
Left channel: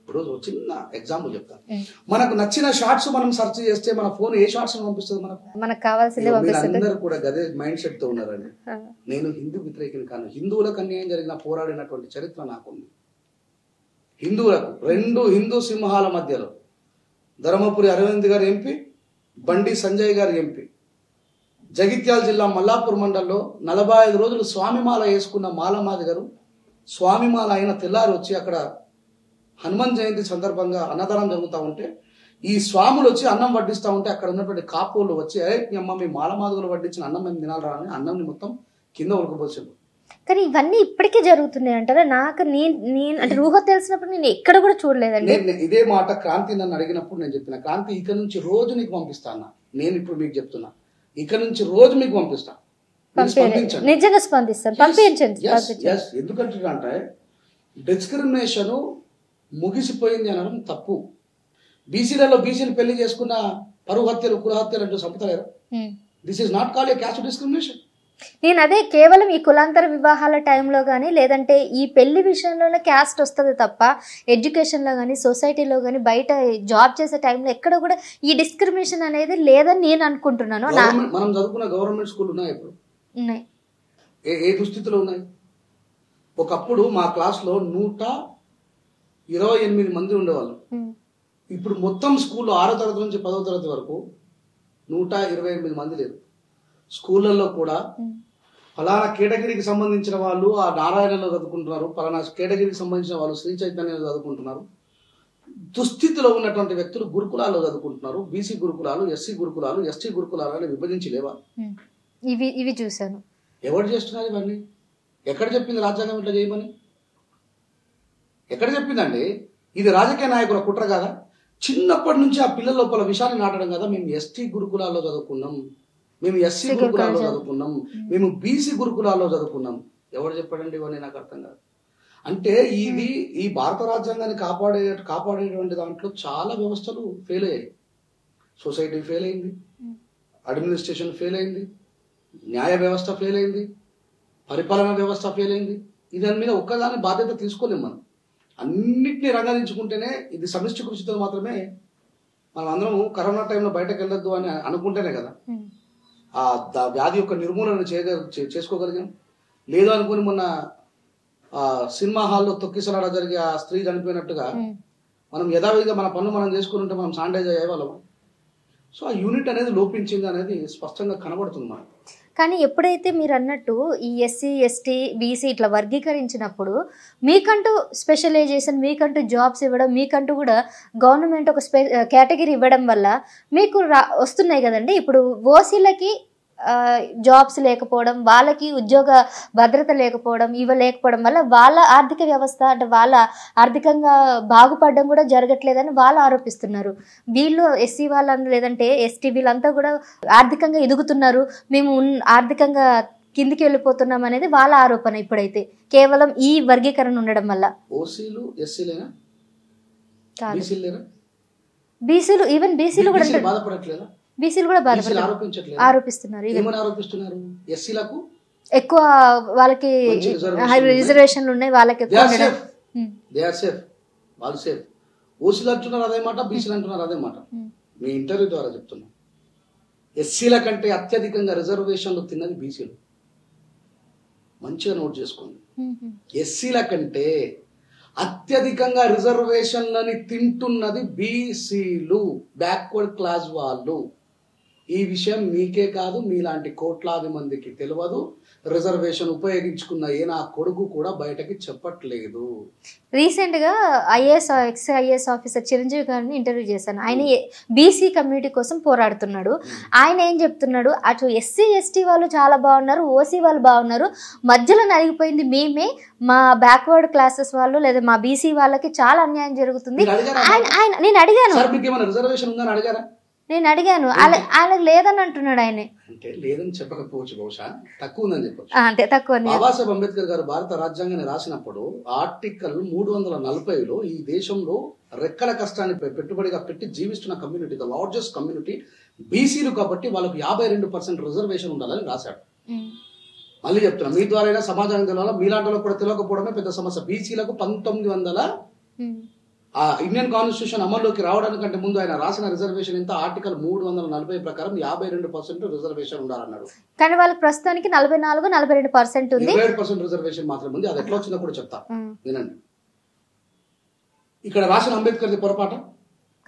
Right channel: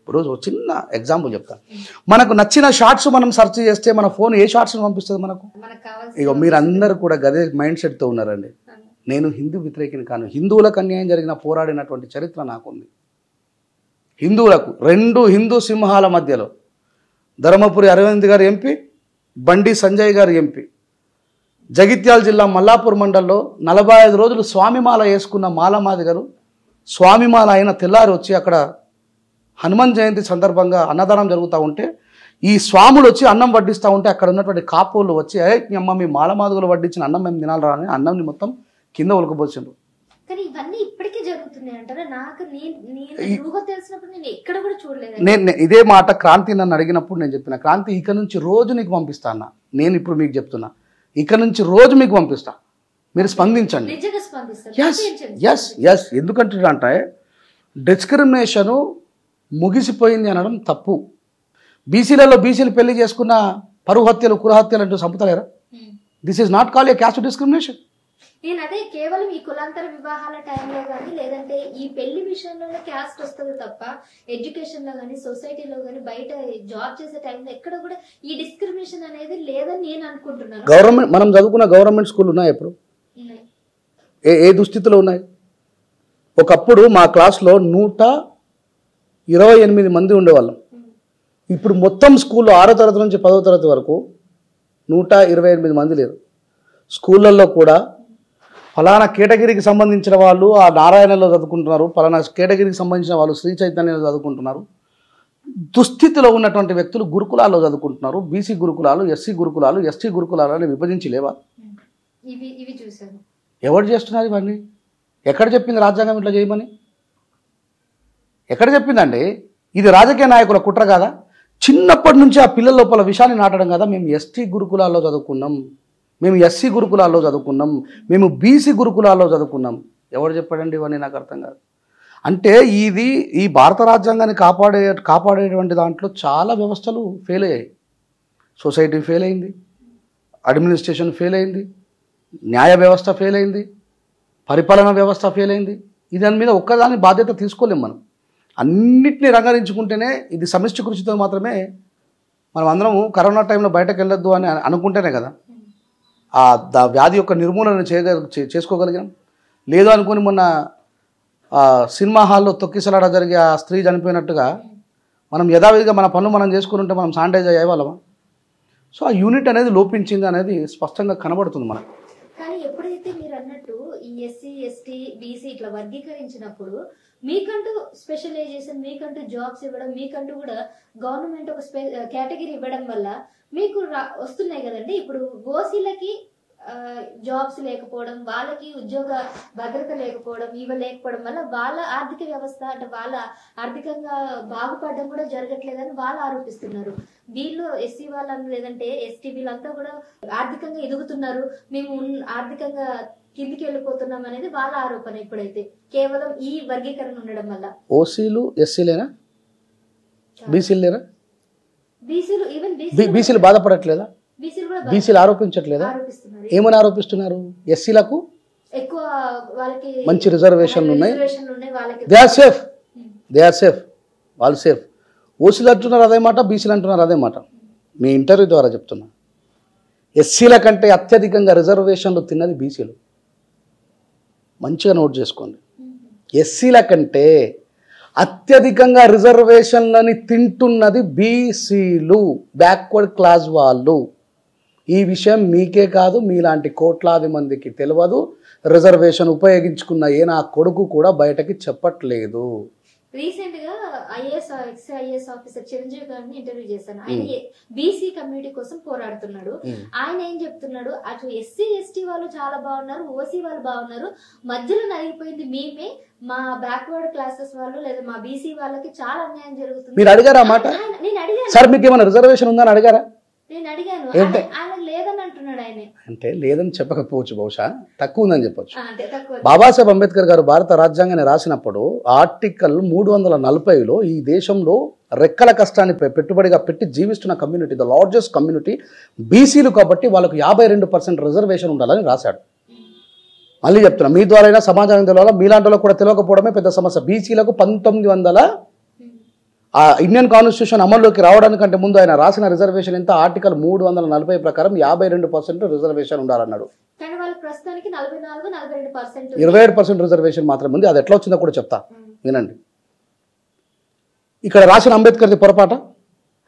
ఇప్పుడు ఒక చిన్న ఎగ్జాంపుల్ చెప్తాను. మనకు నచ్చిన షార్ట్స్ మనం సెర్చ్ చేస్తే మన ఫోన్ ఏ షార్ట్స్ పంపిస్తుంది మనకు కావాల్సిన. మీరు అందరూ కూడా గదే మైండ్ సెట్తో ఉన్నారండి. నేను హిందూ వ్యతిరేకిని కాను, హిందువులకు అన్యాయం జరిగిన పోరాడినటువంటి చరిత్ర నాకుంది. హిందువులకు 2 హిందూ సింహాల మధ్యలో ధర్మపురి అరవింద్ గారు ఎంపీ, బండి సంజయ్ గారు ఎంపీ. జగిత్యాల జిల్లా మల్లాపూర్ మండలంలో 45 రోజులు స్వామిమాల వేసుకున్న మాలమాదిగలు స్వామిమాల అయిన తెల్లారి వచ్చి అక్కడ హనుమాన్ జయంతి సందర్భంగా అన్నదానం జరుగుతూ ఉంటే ఈ స్వాములు వచ్చి అన్నం వడ్డిస్తూ ఉంటే అక్కడ ఉన్నటువంటి కాపోళ్ళు వచ్చి అమ్మ మీ మాలమాదిగలు వడ్డించిన అన్నం మేము తినాలరా అని అన్నంని మొత్తం కింద ఉలకబోసిండ్రు. కానీ ఇవన్నీ ఇప్పటికీ జరుగుతున్నాయి అంటారా? నాకు నేను అంటే ఊహ తెలిసినప్పుడు నేను ఎక్కడ కూడా చూడలేదండి. నేను ఇదే మాట క్రాంతి నన్ను అడిగినప్పుడు నేను చెప్పిన, క్రాంతి ఇక నుంచి రోజు నీకు పంపిస్తా అన్న. నేను ఇప్పుడు మీకు చెప్తున్నా, ఇక నుంచి రోజు మీకు పంపిస్తా, మీరు స్పందించండి. నిజంగా స్పందిస్తాను. ఎందుకంటే డిస్క్రిమినేషన్ ముగిసిపోయింది అనడం తప్పు. బీసీలలో బీసీలు పెళ్లి చేసుకున్న పరువు హత్యలు కురహత్యలు అంటూ చంపుతలేరా? This is not call a caste discrimination. నేను అదే కేవలం ఈ కులాంతర వివాహాల టైంలో కానీ లేదంటే ఈ పెళ్లి విషయంలోనే క్యాస్ట్ వస్తుంది తప్ప ఎడ్యుకేషన్లో కానీ సొసైటీలో కానీ బయట జాబ్ చేసే టైంలో ఎక్కడ కూడా ఈ డిస్క్రిమినేషన్ అనేది లేదని నేను అనుకుంటున్నాను. గవర్నమెంట్ మనం చదువుకున్న గవర్నమెంట్ స్కూల్ ఉన్నాయి ఎప్పుడు? ఉన్నాయి. ఏ దుస్థితిలో ఉన్నాయి? ఒకప్పుడు మా క్లాస్లో 128 మంది ఉండేవాళ్ళం. ఇప్పుడు మొత్తం స్కూల్లో 6వ తరగతి నుంచి 10వ తరగతి వరకు 128 మంది లేరు. స్కూళ్ళల్లో కూడా ఫలానా కేటగిరీకి సంబంధించిన వాళ్ళు ఆ నారాయణలో చదువుకుంటున్నారు, ఫలానా కేటగిరీకి సంబంధించిన వాళ్ళు శ్రీ చైతన్యంలో చదువుకుంటున్నారు. దుస్థితిలో ఉన్నటువంటి వ్యక్తులు గురుకులాల్లో చదువుకుంటున్నారు. బీసీ గురుకులాలు, ఎస్సీ గురుకులాలు, ఎస్టీ గురుకులాలు అని విభజించి లేవా? ఇవి చూశాను. ఎవరు చేస్తున్నారు ఇవన్నీ? ఎక్కడ చెప్పింది రాజ్యాంగం ఇట్లా చేయమని? ఎక్కడ చెప్పిందండి? ఇది రాజకీయ నాయకుల కుట్ర కాదా? చిన్నప్పటి నుంచి ఆ పిల్లల లోపల విషయాన్ని నాటడం కదా. మేము ఎస్టీ గురుకులాల్లో చదువుకున్నాం, మేము ఎస్సీ గురుకులాల్లో చదువుకున్నాం, మేము బీసీ గురుకులాల్లో చదువుకున్నాం. ఎవరు చెప్పాడండి ఇవన్నీ? నాకు అర్థం కాదు. అంటే ఈ భారత రాజ్యాంగాన్ని కాపాడేటువంటి దాంట్లో చాలా వ్యవస్థలు ఫెయిల్ అయ్యాయి. సొసైటీ ఫెయిల్ అయింది, అడ్మినిస్ట్రేషన్ ఫెయిల్ అయింది, న్యాయ వ్యవస్థ ఫెయిల్ అయింది, పరిపాలన వ్యవస్థ ఫెయిల్ అయింది. దాని మీద ఒక్కదాని బాధ్యత తీసుకోలేం. మనం అన్నిటినీ రంగరించుకుంటేనే ఇది సమిష్టి కృషితో మాత్రమే మనం అందరము కరోనా టైంలో బయటకు వెళ్ళొద్దు అని అనుకుంటేనే కదా ఆ వ్యాధి యొక్క నిర్మూలన చేసుకోగలిగాం. లేదు అనుకుని మొన్న సినిమా హాల్లో తొక్కిసలాడ జరిగి ఆ స్త్రీ చనిపోయినట్టుగా మనం యథావిధిగా మన పనులు మనం చేసుకుని ఉంటే మనం శానిటైజ్ అయ్యేవాళ్ళమా? సో ఆ యూనిట్ అనేది లోపించింది అనేది స్పష్టంగా కనబడుతుంది మనకు. కానీ ఎప్పుడైతే మీరు అన్నట్టు ఈ ఎస్సీ ఎస్టీ బీసీ ఇట్లా వర్గీకరించినప్పుడు మీకంటూ స్పెషలైజేషన్, మీకంటూ జాబ్స్ ఇవ్వడం, మీకంటూ కూడా గవర్నమెంట్ ఒక కేటగిరీ ఇవ్వడం వల్ల మీకు వస్తున్నాయి కదండి. ఇప్పుడు ఓసీలకి జాబ్స్ లేకపోవడం, వాళ్ళకి ఉద్యోగ భద్రత లేకపోవడం, లేకపోవడం వల్ల వాళ్ళ ఆర్థిక వ్యవస్థ అంటే వాళ్ళ ఆర్థికంగా బాగుపడడం కూడా జరగట్లేదని వాళ్ళు ఆరోపిస్తున్నారు. వీళ్ళు ఎస్సీ వాళ్ళని లేదంటే ఎస్టీ వీళ్ళంతా కూడా ఆర్థికంగా ఎదుగుతున్నారు, మేము ఆర్థికంగా కిందికి వెళ్ళిపోతున్నాం అనేది వాళ్ళ ఆరోపణ. ఇప్పుడైతే కేవలం ఈ వర్గీకరణ ఉండడం వల్ల ఓసీలు ఎస్సీలేనా, బీసీలు లేరా? బీసీలు ఈవెన్ బీసీలు బాధపడట్లేదా? బీసీలు కూడా ఆరోపిస్తున్నారు. ఏమని ఆరోపిస్తున్నారు? ఎస్సీలకు ఎక్కువ వాళ్ళకి మంచి రిజర్వేషన్లు ఉన్నాయి, వాళ్ళకి దే ఆర్ సేఫ్, వాళ్ళు సేఫ్. ఓసీలు అంటున్నారు అదే మాట, బీసీలు అంటున్నారు అదే మాట. మీ ఇంటర్వ్యూ ద్వారా చెప్తున్నా, ఎస్సీల కంటే అత్యధికంగా రిజర్వేషన్లు తిన్నది బీసీలు. మంచిగా నోట్ చేసుకోండి. ఎస్సీల కంటే అత్యధికంగా రిజర్వేషన్లని తింటున్నది బీసీలు, బ్యాక్వర్డ్ క్లాస్ వాళ్ళు. ఈ విషయం మీకే కాదు, మీలాంటి కోట్లాది మందికి తెలియదు. రిజర్వేషన్ ఉపయోగించుకున్న నా కొడుకు కూడా బయటకి చెప్పట్లేదు. రీసెంట్గా ఎక్స్-ఐఏఎస్ ఆఫీసర్ చిరంజీవి గారిని ఇంటర్వ్యూ చేశాను. ఆయన బీసీ కమ్యూనిటీ కోసం పోరాడుతున్నాడు. ఆయన ఏం చెప్తున్నాడు, అటు ఎస్సీ ఎస్టీ వాళ్ళు చాలా బాగున్నారు, ఓసీ వాళ్ళు బాగున్నారు, మధ్యలో నలిగిపోయింది మేమే, మా బ్యాక్వర్డ్ క్లాసెస్ వాళ్ళు లేదా మా బీసీ వాళ్ళకి చాలా అన్యాయం జరుగుతుంది. నేను అడిగాను రిజర్వేషన్ ఉందని అడిగారా? నేను అడిగాను, ఆయనకు లేదని అంటున్నాడు. ఆయన అంటే లేదని చెప్పకపోవచ్చు, బహుశా తక్కువ ఉందని చెప్పొచ్చు. అంటే తక్కువ. బాబాసాహెబ్ అంబేద్కర్ గారు భారత రాజ్యాంగాన్ని రాసినప్పుడు ఆర్టికల్ 340లో ఈ దేశంలో రెక్కల కష్టాన్ని పెట్టుబడిగా పెట్టి జీవిస్తున్న కమ్యూనిటీ, ద లార్జెస్ట్ కమ్యూనిటీ బీసీలు కాబట్టి వాళ్ళకు 52% రిజర్వేషన్ ఉండాలని రాశాడు. మళ్ళీ చెప్తున్నా, మీ ద్వారా సమాజానికి తెలియాలి, మీలాంటి కూడా తెలియకపోవడమే పెద్ద సమస్య. బీసీలకు 1900 ఆ ఇండియన్ కాన్స్టిట్యూషన్ అమల్లోకి రావడానికంటే ముందు ఆయన రాసిన రిజర్వేషన్ ఎంత? ఆర్టికల్ 340 ప్రకారం 52% రిజర్వేషన్ ఉండాలన్నాడు. కానీ వాళ్ళకి ప్రస్తుతానికి 44-42%, 27% రిజర్వేషన్ మాత్రం ఉంది. అది ఎట్లా వచ్చిందో కూడా చెప్తా, వినండి. ఇక్కడ రాసిన అంబేద్కర్ది పొరపాట?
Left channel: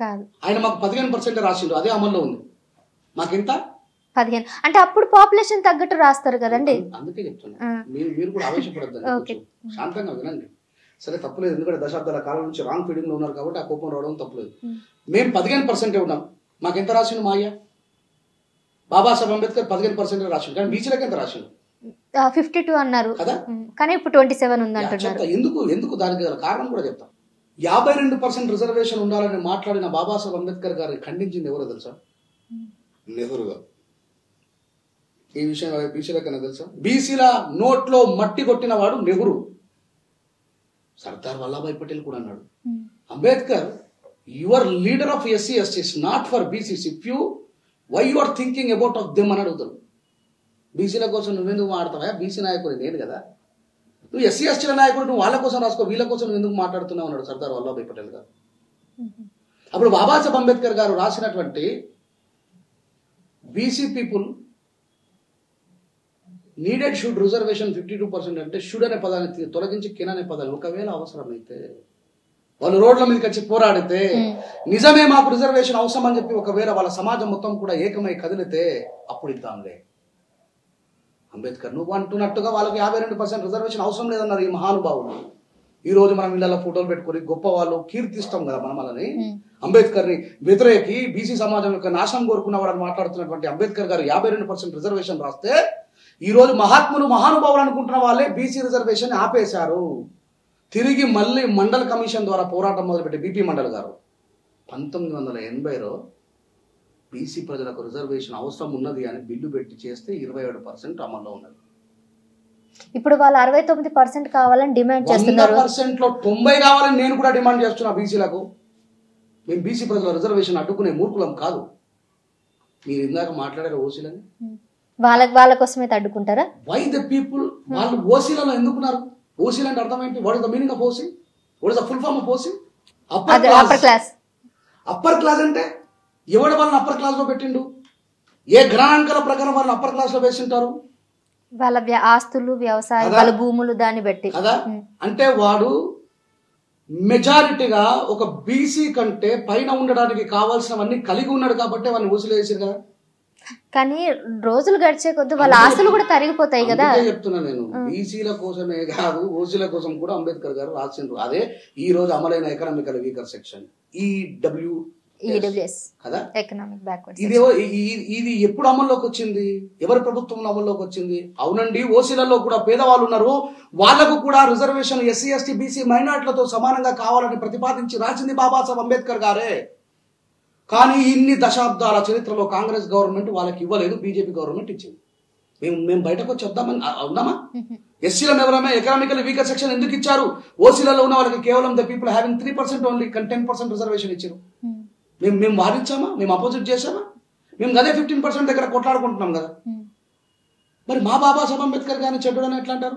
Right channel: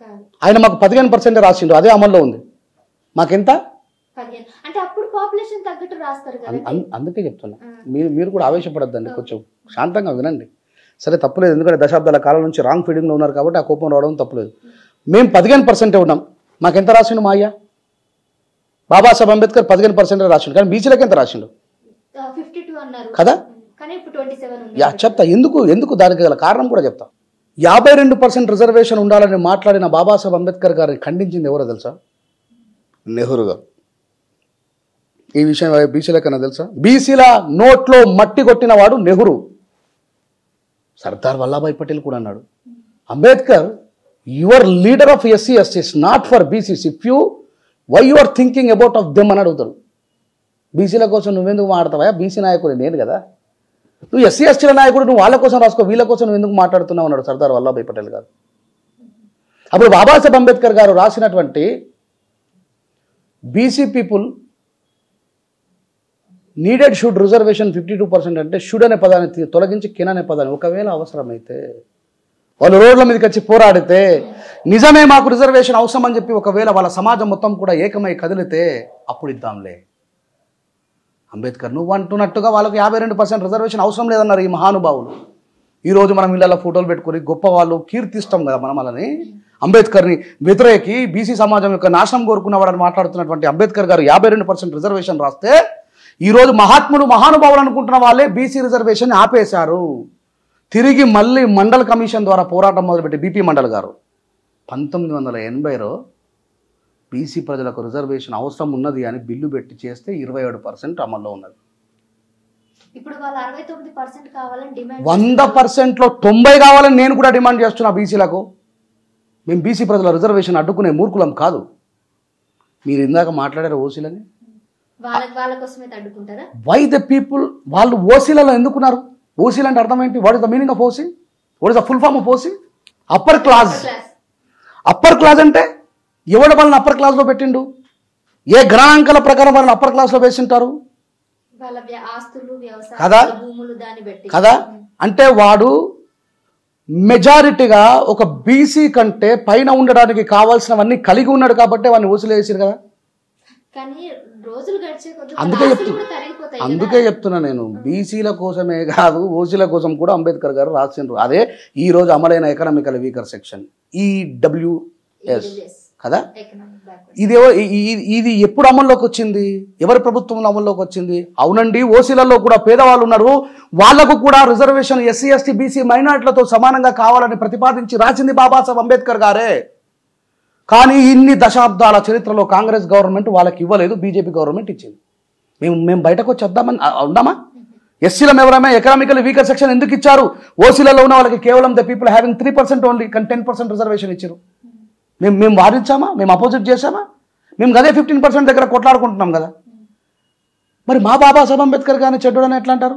కాదు. ఆయన మాకు 15% రాసిండు, అదే అమల్లో ఉంది. మాకెంత? 15. అంటే అప్పుడు పాపులేషన్ తగ్గట్టు రాస్తారు కదండి. అందుకే చెప్తున్నా, మీరు కూడా ఆవేశపడద్దండి, కొంచెం శాంతంగా వినండి. సరే తప్పులేదు, ఎందుకంటే దశాబ్దాల కాలం నుంచి రాంగ్ ఫీడింగ్లో ఉన్నారు కాబట్టి ఆ కోపం రావడం తప్పులేదు. మేము 15% ఉన్నాం, మాకెంత రాసిండు మా అయ్య? బాబాసాహెబ్ అంబేద్కర్ 15% రాసిండు, కానీ బీసీలకు ఎంత రాసిండు? 52 అన్నారు కదా, కానీ ఇప్పుడు 27 ఉంది. చెప్తా ఎందుకు దానికి గల కారణం కూడా చెప్తా. 52% రిజర్వేషన్ ఉండాలని మాట్లాడిన బాబాసాహెబ్ అంబేద్కర్ గారిని ఖండించింది ఎవరో తెలుసా? నెహ్రూ గారు. ఈ విషయం బీసీలకన్నా తెలుసా? బీసీల నోట్లో మట్టి కొట్టిన వాడు నెహ్రూ. సర్దార్ వల్లభాయ్ పటేల్ కూడా అన్నాడు, Ambedkar your leader of SC STs not for BCs, if you why you are thinking about of them అని అడుగుతారు. బీసీల కోసం నువ్వెందుకు మాట్లాడతావా? బీసీ నాయకుడు నేను కదా, నువ్వు ఎస్సీ ఎస్టీల నాయకుడు, నువ్వు వాళ్ళ కోసం రాసుకో, వీళ్ళ కోసం నువ్వు ఎందుకు మాట్లాడుతున్నావు అన్నాడు సర్దార్ వల్లభాయ్ పటేల్ గారు. అప్పుడు బాబాసాహెబ్ అంబేద్కర్ గారు రాసినటువంటి BC people needed should reservation 52% అంటే షుడ్ అనే పదాన్ని తొలగించి కెన్ అనే పదాన్ని, ఒకవేళ అవసరమైతే వాళ్ళు రోడ్ల మీదకి వచ్చి పోరాడితే నిజమే మాకు రిజర్వేషన్ అవసరం అని చెప్పి ఒకవేళ వాళ్ళ సమాజం మొత్తం కూడా ఏకమై కదిలితే అప్పుడు ఇద్దాంలే. అంబేద్కర్ నువ్వు అంటున్నట్టుగా వాళ్ళకి 52% రిజర్వేషన్ అవసరం లేదన్నారు ఈ మహానుభావులు. ఈ రోజు మనం ఇళ్ళలో ఫోటోలు పెట్టుకుని గొప్ప వాళ్ళు కీర్తిస్తాం కదా మనం వాళ్ళని. అంబేద్కర్ని వ్యతిరేకి బీసీ సమాజం యొక్క నాశనం కోరుకున్నవాడని మాట్లాడుతున్నటువంటి అంబేద్కర్ గారు 52% రిజర్వేషన్ రాస్తే ఈ రోజు మహాత్ములు మహానుభావులు అనుకుంటున్న వాళ్ళే బీసీ రిజర్వేషన్ ఆపేశారు. తిరిగి మళ్ళీ మండల్ కమిషన్ ద్వారా పోరాటం మొదలుపెట్టి బీపీ మండల్ గారు 1980లో బీసీ ప్రజలకు రిజర్వేషన్ అవసరం ఉన్నది అని బిల్లు పెట్టి చేస్తే 27% అమల్లో ఉన్నది. ఇప్పుడు వాళ్ళు 69% కావాలని డిమాండ్ 100%లో 90 కావాలని నేను కూడా డిమాండ్ చేస్తున్నా బీసీలకు. మేము బీసీ ప్రజల రిజర్వేషన్ అడ్డుకునే మూర్ఖులం కాదు. మీరు ఇందాక మాట్లాడారు ఓసీలని, వాళ్ళ కోసమే అడ్డుకుంటారా? వై ద పీపుల్ వాళ్ళు ఓసీలలో ఎందుకున్నారు? ఓసీలు అంటే అర్థం ఏంటి? What is the meaning of OC? What is the full form of OC? Upper class. Upper class అంటే ఎవరు వాళ్ళని అప్పర్ క్లాస్ లో పెట్టిండు? ఏ గణాంకాల ప్రకారం వాళ్ళని అప్పర్ క్లాస్ లో వేసింటారు? వాళ్ళ ఆస్తులు, వ్యవసాయాలు, భూములు దాన్ని బట్టి కదా. అంటే వాడు మెజారిటీగా ఒక బీసీ కంటే పైన ఉండడానికి కావాల్సినవన్నీ కలిగి ఉన్నాడు కాబట్టి వాడిని ఓసీలు వేసారు కదా. కానీ రోజులు గడిచే కొద్ది వాళ్ళ ఆస్తులు కూడా తరిగిపోతాయి కదా. అందుకే చెప్తున్నా నేను, బీసీల కోసమే కాదు ఓసీల కోసం కూడా అంబేద్కర్ గారు రాసిండ్రు. అదే ఈ రోజు అమలైన ఎకనామికల్ వీకర్ సెక్షన్ EWS కదా. ఇది ఎప్పుడు అమల్లోకి వచ్చింది? ఎవరి ప్రభుత్వంలో అమల్లోకి వచ్చింది? అవునండి, ఓసీలలో కూడా పేదవాళ్ళు ఉన్నారు, వాళ్లకు కూడా రిజర్వేషన్ ఎస్సీ ఎస్టీ బీసీ మైనార్టీలతో సమానంగా కావాలని ప్రతిపాదించి రాసింది బాబాసాహెబ్ అంబేద్కర్ గారే. కానీ ఇన్ని దశాబ్దాల చరిత్రలో కాంగ్రెస్ గవర్నమెంట్ వాళ్ళకి ఇవ్వలేదు, బీజేపీ గవర్నమెంట్ ఇచ్చింది. మేము బయటకు వచ్చి వద్దామా? ఎస్సీల ఎవరైనా ఎకనామికల్ వీకర్ సెక్షన్ ఎందుకు ఇచ్చారు? ఓసీలలో ఉన్న వాళ్ళకి కేవలం ద పీపుల్ హ్యావింగ్ 3% ఓన్లీ, కానీ 10% రిజర్వేషన్ ఇచ్చారు. మేము వాదించామా? మేము అపోజిట్ చేసామా? మేము అదే 15% దగ్గర కొట్లాడుకుంటున్నాం కదా. మరి మా బాబాసాహెబ్ అంబేద్కర్ గారిని చెడ్డోడని ఎట్లా అంటారు?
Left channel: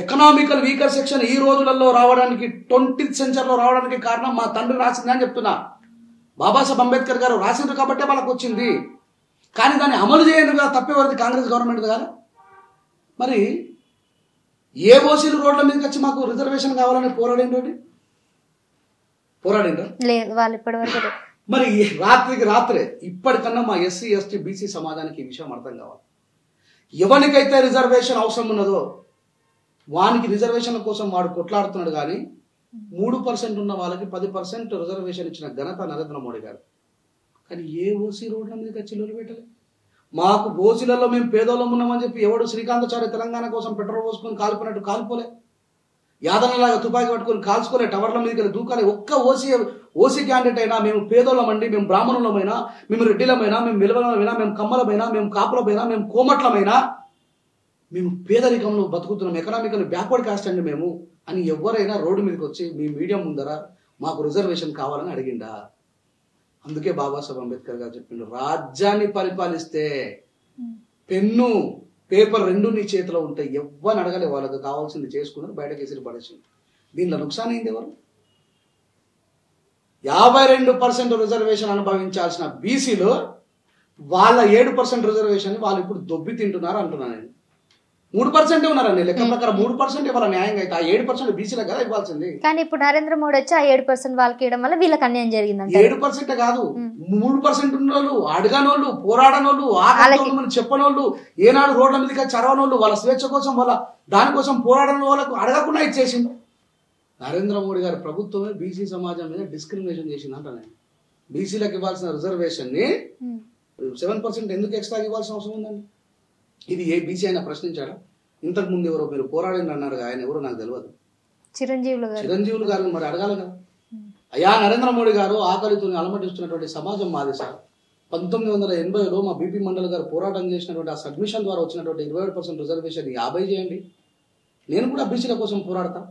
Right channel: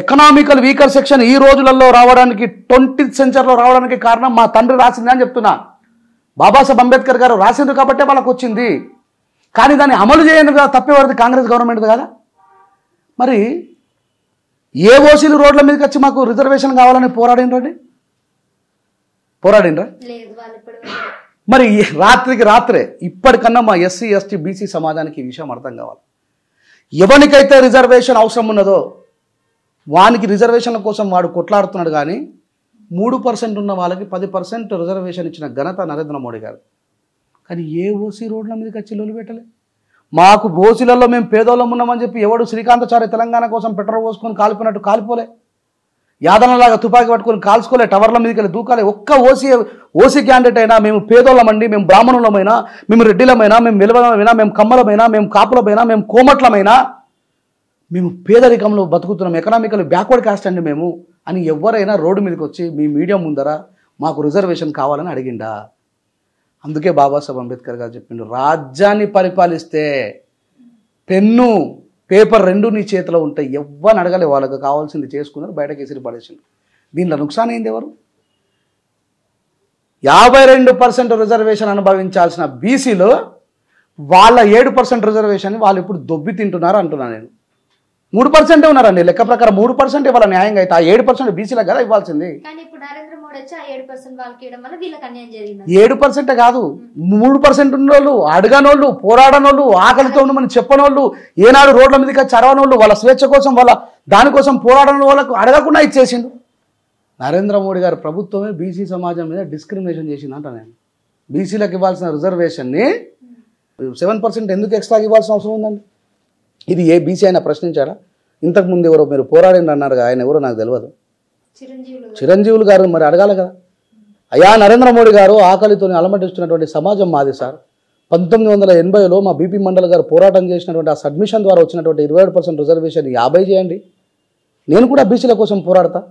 ఎకనామికల్ వీకర్ సెక్షన్ ఈ రోజులలో రావడానికి 20th సెంచరీలో రావడానికి కారణం మా తండ్రి రాసింది అని చెప్తున్నా. బాబాసాహెబ్ అంబేద్కర్ గారు రాసిండ్రు కాబట్టే వాళ్ళకు వచ్చింది. కానీ దాన్ని అమలు చేయండి కదా, తప్పేవారిది కాంగ్రెస్ గవర్నమెంట్ కదా. మరి ఏ ఓసీలు రోడ్ల మీదకి వచ్చి మాకు రిజర్వేషన్ కావాలని పోరాడిండ్రా? మరి రాత్రికి రాత్రే ఇప్పటికన్నా మా ఎస్సీ ఎస్టీ బీసీ సమాజానికి ఈ విషయం అర్థం కావాలి. ఎవరికైతే రిజర్వేషన్ అవసరం ఉన్నదో వానికి రిజర్వేషన్ల కోసం వాడు కొట్లాడుతున్నాడు. కానీ 3% ఉన్న వాళ్ళకి 10% రిజర్వేషన్ ఇచ్చిన ఘనత నరేంద్ర మోడీ గారు. కానీ ఏ ఓసీ రోడ్ల మీదకి వచ్చి లొల్లి పెట్టలే. మాకు ఓసీలలో మేము పేదోళ్ళం ఉన్నామని చెప్పి ఎవడు శ్రీకాంతాచారి తెలంగాణ కోసం పెట్రోల్ పోసుకొని కాలిపోయినట్టు కాలిపోలే, యాదనలాగా తుపాకీ పట్టుకొని కాల్చుకోలే, టవర్ల మీదకి వెళ్ళి దూకాలే. ఒక్క ఓసీ క్యాండిడేట్ అయినా మేము పేదోళ్ళమండి, మేము బ్రాహ్మణులమైనా, మేము రెడ్డిలమైనా, మేము వెలువలమైనా, మేము కమ్మలమైనా, మేము కాపులమైనా, మేము కోమట్లమైనా, మేము పేదరికంలో బతుకుతున్నాం, ఎకనామికల్ బ్యాక్వర్డ్ కాస్ట్ అండి మేము అని ఎవరైనా రోడ్డు మీదకి వచ్చి మీ మీడియా ముందర మాకు రిజర్వేషన్ కావాలని అడిగిండా? అందుకే బాబాసాహెబ్ అంబేద్కర్ గారు చెప్పిండు, రాజ్యాన్ని పరిపాలిస్తే పెన్ను పేపర్ రెండు నీ చేతిలో ఉంటాయి, ఎవ్వని అడగలే, వాళ్ళకి కావాల్సింది చేసుకున్నారు, బయటకు ఎసిరి పడేసింది. దీనిలో నుక్సాన్ అయింది ఎవరు? 52% రిజర్వేషన్ అనుభవించాల్సిన బీసీలో వాళ్ళ 7% రిజర్వేషన్ వాళ్ళు ఇప్పుడు దొబ్బి తింటున్నారు అంటున్నాను నేను. 3% ఉన్నారండి లెక్క ప్రకారం 3% ఇవ్వాలి న్యాయంగా అయితే. ఆ 7% బీసీలకు కదా ఇవ్వాల్సింది. కానీ ఇప్పుడు నరేంద్ర మోడీ వచ్చి ఆ 7% వాళ్ళకి ఇవ్వడం వల్ల వీళ్ళకి అన్యాయం జరిగింది. 7% కాదు, 3% ఉన్నోళ్ళు, అడగనోళ్ళు, పోరాడనోళ్ళు, ఆకలితో మనం చెప్పనోళ్ళు, ఏనాడు రోడ్ల మీదకి చరవనోళ్ళు, వాళ్ళ స్వేచ్ఛ కోసం వాళ్ళ దానికోసం పోరాడని వాళ్ళకు అడగకుండా ఇచ్చేసిండు. నరేంద్ర మోడీ గారి ప్రభుత్వమే బీసీ సమాజం మీద డిస్క్రిమినేషన్ చేసిందంట. నేను బీసీలకు ఇవ్వాల్సిన రిజర్వేషన్ని 7% ఎందుకు ఎక్స్ట్రా ఇవ్వాల్సిన అవసరం ఉందండి? ఇది ఏ బీసీ అయినా ప్రశ్నించాడా? ఇంతకుముందు ఎవరో మీరు పోరాడింది అన్నారు, ఆయన ఎవరో నాకు తెలియదు, చిరంజీవులు గారు మరి అడగాలి కదా. అయ్యా నరేంద్ర మోడీ గారు, ఆకలితో అలమటిస్తున్నటువంటి సమాజం మాది సార్. 1980లో మా బీపీ మండల్ గారు పోరాటం చేసినటువంటి ఆ సబ్మిషన్ ద్వారా వచ్చినటువంటి 27% రిజర్వేషన్ 50 చేయండి. నేను కూడా బీసీల కోసం పోరాడతా.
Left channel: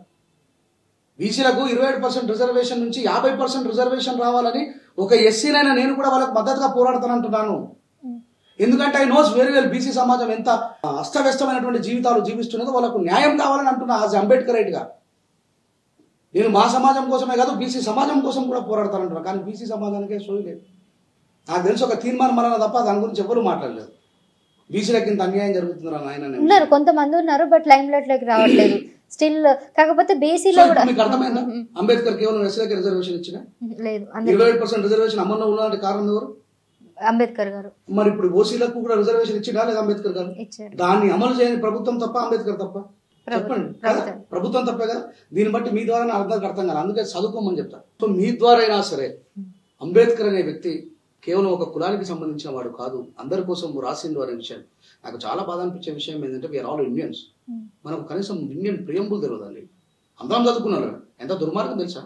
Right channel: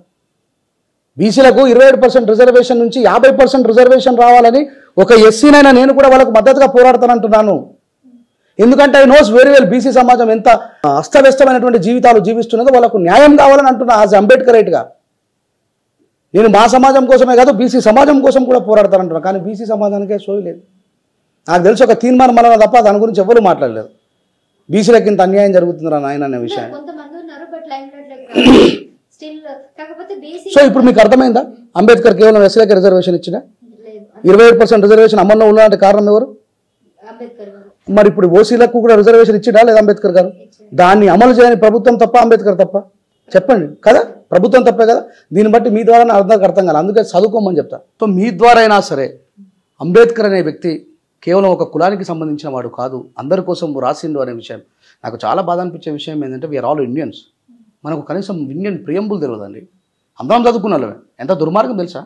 బీసీలకు 27% రిజర్వేషన్ నుంచి 50% రిజర్వేషన్ రావాలని ఒక ఎస్సీనైనా నేను కూడా వాళ్ళకు మద్దతుగా పోరాడతానంటున్నాను. ఎందుకంటే I knows very well BC సమాజం ఎంత అస్తవ్యస్తమైనటువంటి జీవితాలు జీవిస్తున్నదో వాళ్ళకు న్యాయం కావాలని అంటున్నా. యాజ్ అంబేద్కరేట్గా నేను మా సమాజం కోసమే కాదు బీసీ సమాజం కోసం కూడా పోరాడతానంటున్నా. కానీ బీసీ సమాజానికే సోయి లేదు. నాకు తెలిసి ఒక తీర్మానం మళ్ళీ తప్ప దాని గురించి ఎవరు మాట్లాడలేదు. బీసీలకు ఇంత అన్యాయం జరుగుతుందా నాయన? కొంతమంది ఉన్నారు, బట్ లైమ్ లైట్ లోకి రావాలి స్టిల్. కాకపోతే బీసీ సో ఇప్పుడు మీకు అర్థమైందా? అంబేద్కర్ కేవలం ఎస్సీలకు రిజర్వేషన్ ఇచ్చిన 27% రిజర్వేషన్ అమల్లో ఉన్నటువంటి కారణం ఎవరు? అంబేద్కర్ గారు. మరి ఇప్పుడు ఓసీలకు కూడా రిజర్వేషన్ ఇచ్చిడా లేదా అంబేద్కర్ గారు? దాన్ని అమలు చేయని ప్రభుత్వం తప్ప అంబేద్కర్ తప్ప? చెప్పండి కదా, ప్రభుత్వం తప్పే కదా. దీన్ని బట్టి మీ ద్వారా అర్థం కాదు, అందుకే చదువుకోమని చెప్తా. సో మీ ద్వారా అయినా సరే అంబేద్కర్ అనే వ్యక్తి కేవలం ఒక కులానికి సంబంధించిన వాడు కాదు, అందరి కోసం రాసిండు అనే విషయం నాకు చాలా బాధ అనిపించే విషయం ఏంటంటే వీఆర్ ఆల్ ఇండియన్స్. మనకు కనీసం ఇండియన్ ప్రియంబుల్ తెలియదండి. అందరం చదువుకున్నామే. ఎంత దుర్మార్గం తెలుసా?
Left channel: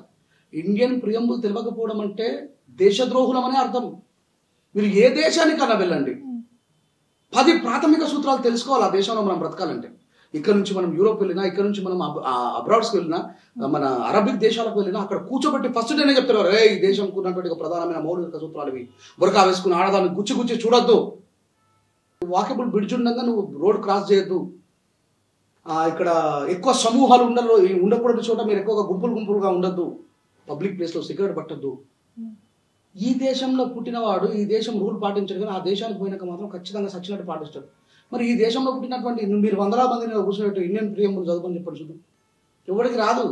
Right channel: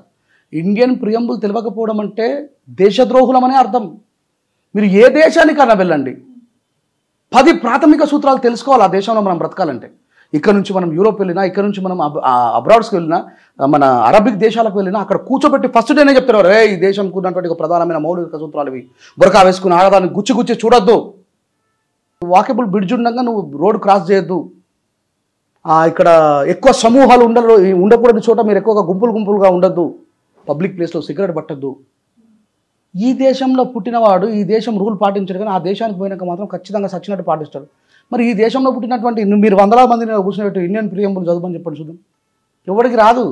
ఇండియన్ ప్రియంబుల్ తెలియకపోవడం అంటే దేశద్రోహులమనే అర్థం. మీరు ఏ దేశానికన్నా వెళ్ళండి, 10 ప్రాథమిక సూత్రాలు తెలుసుకోవాలి ఆ దేశంలో మనం బ్రతకాలంటే. ఇక్కడ నుంచి మనం యూరోప్ వెళ్ళినా, ఇక్కడ నుంచి మనం అబ్రాడ్స్కి వెళ్ళినా, మన అరబిక్ దేశాలకు వెళ్ళినా అక్కడ కూర్చోబెట్టి ఫస్ట్ డేనే చెప్తారు, రే ఈ దేశంకు ఉన్నటువంటి ఒక ప్రధానమైన మౌలిక సూత్రాలు ఇవి. బురకా వేసుకుని ఆడదాన్ని గుచ్చి చూడొద్దు, వాకబుల్ బ్రిడ్జ్ ఉండగా నువ్వు రోడ్ క్రాస్ చేయొద్దు, ఇక్కడ ఎక్కువ సమూహాలు ఉండకూడని చోట మీరు ఎక్కువగా గుంపులుగా ఉండొద్దు, పబ్లిక్ ప్లేస్లో సిగరెట్ పట్టద్దు. ఈ దేశంలో పుట్టినవాడు ఈ దేశం రూల్ పాటించాడు, కానీ ఆ దేశానికి పోయినాక మాత్రం ఖచ్చితంగా సచ్చినట్టు పాటిస్తాడు. మరి ఈ దేశంలో పుట్టినటువంటి మీరు 100 మందిని కూర్చున్నట్టు ఇండియన్ ప్రియంబుల్ చదువుకొని చెప్పండి చూద్దాం. ఎవరికి రాదు.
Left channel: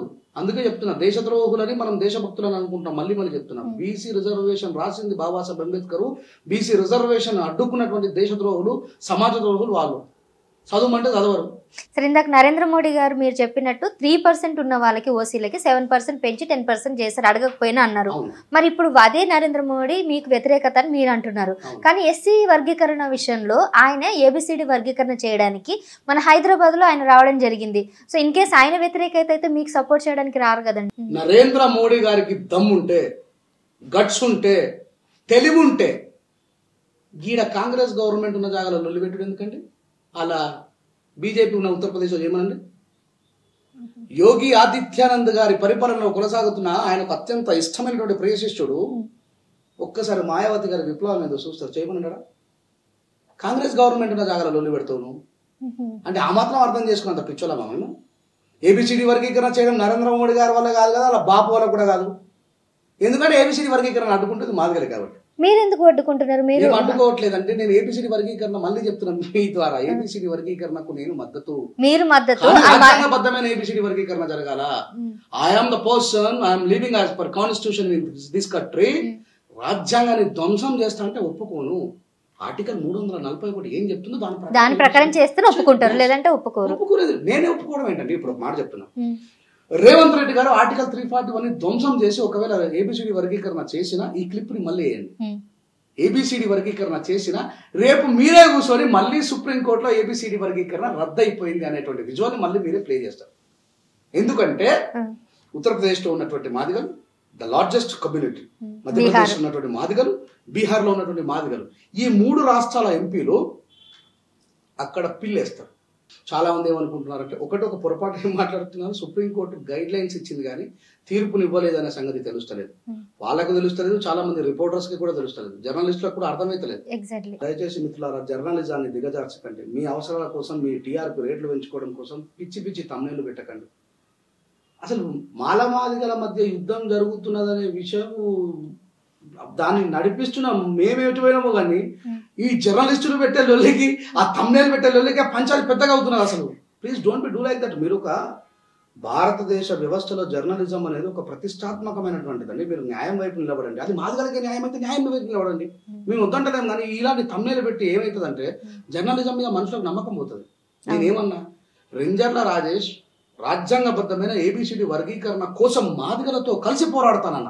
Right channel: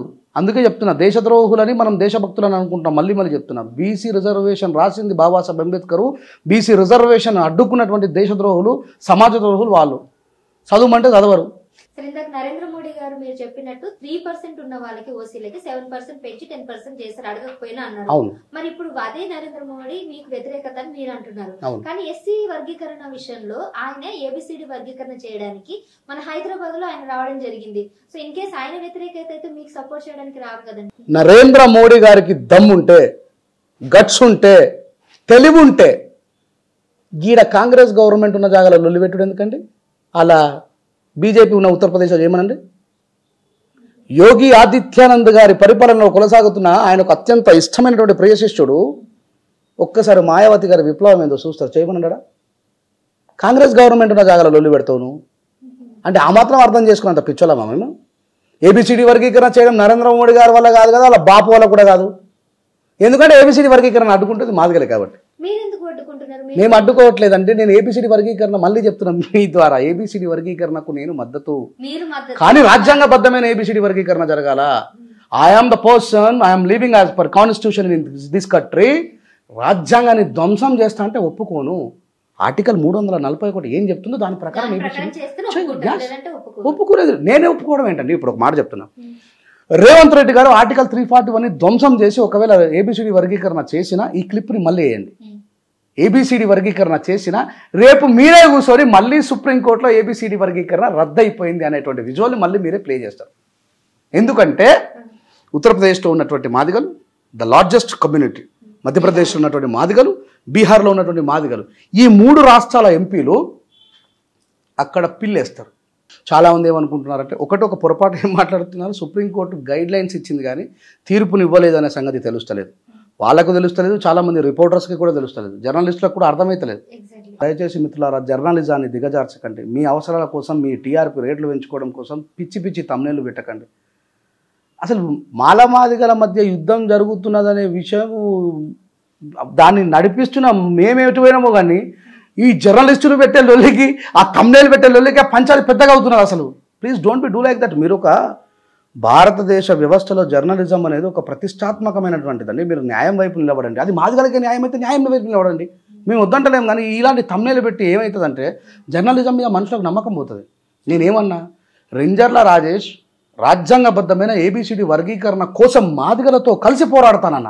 అందుకే చెప్తున్నా, దేశద్రోహులని మనం దేశభక్తులని అనుకుంటాం. మళ్ళీ చెప్తున్నా, బీసీ రిజర్వేషన్ రాసింది బాబాసాహెబ్ అంబేద్కర్. బీసీ రిజర్వేషన్ అడ్డుకున్నటువంటి దేశద్రోహులు, సమాజ ద్రోహులు వాళ్ళు. చదువుమంటే చదవరు. సరే, ఇందాక నరేంద్ర మోడీ గారు మీరు చెప్పినట్టు 3% ఉన్న వాళ్ళకి ఓసీలకి 7% పెంచి 10% చేశారు అడగకపోయినా అన్నారు. మరి ఇప్పుడు అదే నరేంద్ర మోడీ మీకు వ్యతిరేకత అని మీరు అంటున్నారు. కానీ ఎస్సీ వర్గీకరణ విషయంలో ఆయన ఏబిసిడి వర్గీకరణ చేయడానికి మన హైదరాబాద్ లో ఆయన రావడం జరిగింది. సో ఇన్ కేసు ఆయన వ్యతిరేకత అయితే మీకు సపోర్ట్ చేయడానికి రారు కదండి. నరేంద్ర మోడీ గారికి దమ్ముంటే, గట్స్ ఉంటే, తెలివి ఉంటే గీడ కాంగ్రెస్ గవర్నమెంట్ ఉన్న జాగాలో లొల్లి పెట్టుడు ఎందుకండి? అలా బీజేపీ ఉన్న ఉత్తరప్రదేశ్లో ఏమనండి? యోగి ఆదిత్యానంద్ గారి పరిపాలనలో కొనసాగుతున్న ఆయనకు అత్యంత ఇష్టమైనటువంటి ప్రియ శిష్యుడు ఒక్కసారి మాయావతి గారి విప్లవం ఏందో చూస్తారు, చేయమన్నాడా? కాంగ్రెస్ గవర్నమెంట్ ఉన్న జాగాలో లొల్లి పెడతావు అంటే ఆ మాత్రం అర్థం చేసుకున్నంత పిచ్చోళ్ళమా మేము? ఏబిసిడి వర్గీకరణ చేయడం నరేంద్ర మోడీ గారి వల్ల కాదు కదా, వాళ్ళ బాపు వల్ల కూడా కాదు. ఎందుకంటే ఏబిసిడి వర్గీకరణ అడ్డుకుంటుంది మాదిగలే కాబట్టి. మీరు ఎందుకు అడ్డుకుంటున్నారు? మేము అడ్డుకోవట్లేదంటే నేను ఏబిసిడి వర్గీకరణ మళ్ళీ చెప్తున్నాను మీ ద్వారా, ఏబిసిడి వర్గీకరణకు నేను మద్దతు. కానీ రాజ్యాంగబద్ధమైన ఏబిసిడి వర్గీకరణ జరగాల. I'm the person, I'm living as per constitution in this country. రాజ్యాంగాన్ని ధ్వంసం చేస్తా అంటే ఒప్పుకోను. ఆర్టికల్ 341 ఏం చెప్తుందో దాని ప్రకారం చేస్తే ఒప్పుకుంటారు, లేదంటే ఒప్పుకోలేదు. నేనే ఒప్పుకోవడం ఏంటండి? ఇప్పుడు ఒక మాట చెప్తున్నా, రేవంత్ రెడ్డి గారు ఆర్టికల్ 341 ధ్వంసం చేసి ఒకవేళ ఏబిసిడి వర్గీకరణ చేసినా ఈ క్లిప్ని మళ్ళీ వేయండి. ఏబిసిడి వర్గీకరణ చేసినా రేపు మీరే కూర్చొని మళ్ళీ సుప్రీంకోర్టులో ఏబిసిడి వర్గీకరణ రద్దయిపోయింది అనేటువంటి విజువల్ మళ్ళీ మీరే ప్లే చేస్తారు. ఎందుకంటే ఉత్తరప్రదేశ్లో ఉన్నటువంటి మాదిగలు ద లార్జెస్ట్ కమ్యూనిటీ, మధ్యప్రదేశ్లో ఉన్నటువంటి మాదిగలు, బీహార్లో ఉన్నటువంటి మాదిగలు, ఈ 3 రాష్ట్రాల ఎంపీలు అక్కడ పిల్లేస్తారు. చాలా మంది ఏమనుకుంటున్నారంటే, ఒక పొరపాటు ఏం మాట్లాడుతున్నారు, సుప్రీంకోర్టు గైడ్ లైన్స్ ఇచ్చింది కానీ తీర్పుని ఇవ్వలేదు అనే సంగతి తెలుస్తలేదు. వాళ్ళకు తెలుస్తలేదు, చాలా మంది రిపోర్టర్స్కి కూడా తెలుస్తలేదు, జర్నలిస్టులకు కూడా అర్థమైతలేదు. దయచేసి మిత్రులారా, జర్నలిజాన్ని దిగజార్చకండి. మీ అవసరాల కోసం, మీ టీఆర్పీ రేట్లు పెంచుకోవడం కోసం పిచ్చి తమ్నేళ్లు పెట్టకండి. అసలు మాలమాదిగల మధ్య యుద్ధం జరుగుతున్నదనే విషయం దాన్ని నడిపిస్తున్న మేమేటిపోయినామో కానీ ఈ జర్నలిస్టులు పెట్టే లొల్లికి, ఆ thumbnail పెట్టే లొల్లికి పంచాలి పెద్దగా అవుతున్నారు అసలు. Please don't be do like that. మీరు ఒక భారతదేశ వ్యవస్థలో జర్నలిజం అనేది ఒక ప్రతిష్టాత్మకమైనటువంటిదండి. మీరు న్యాయం వైపు నిలబడండి. అది మాదిగలకే న్యాయం అయితే న్యాయం వైపు నిలబడండి. మేము వద్దంటలేము. కానీ ఇలాంటి thumbnail పెట్టి ఏమవుతుందంటే జర్నలిజం మీద మనుషులకు నమ్మకం పోతుంది. నేనేమన్నా, రేంజర్ల రాజేష్ రాజ్యాంగబద్ధమైన ఏబిసిడి వర్గీకరణ కోసం మాదిగలతో కలిసి పోరాడతానన్న.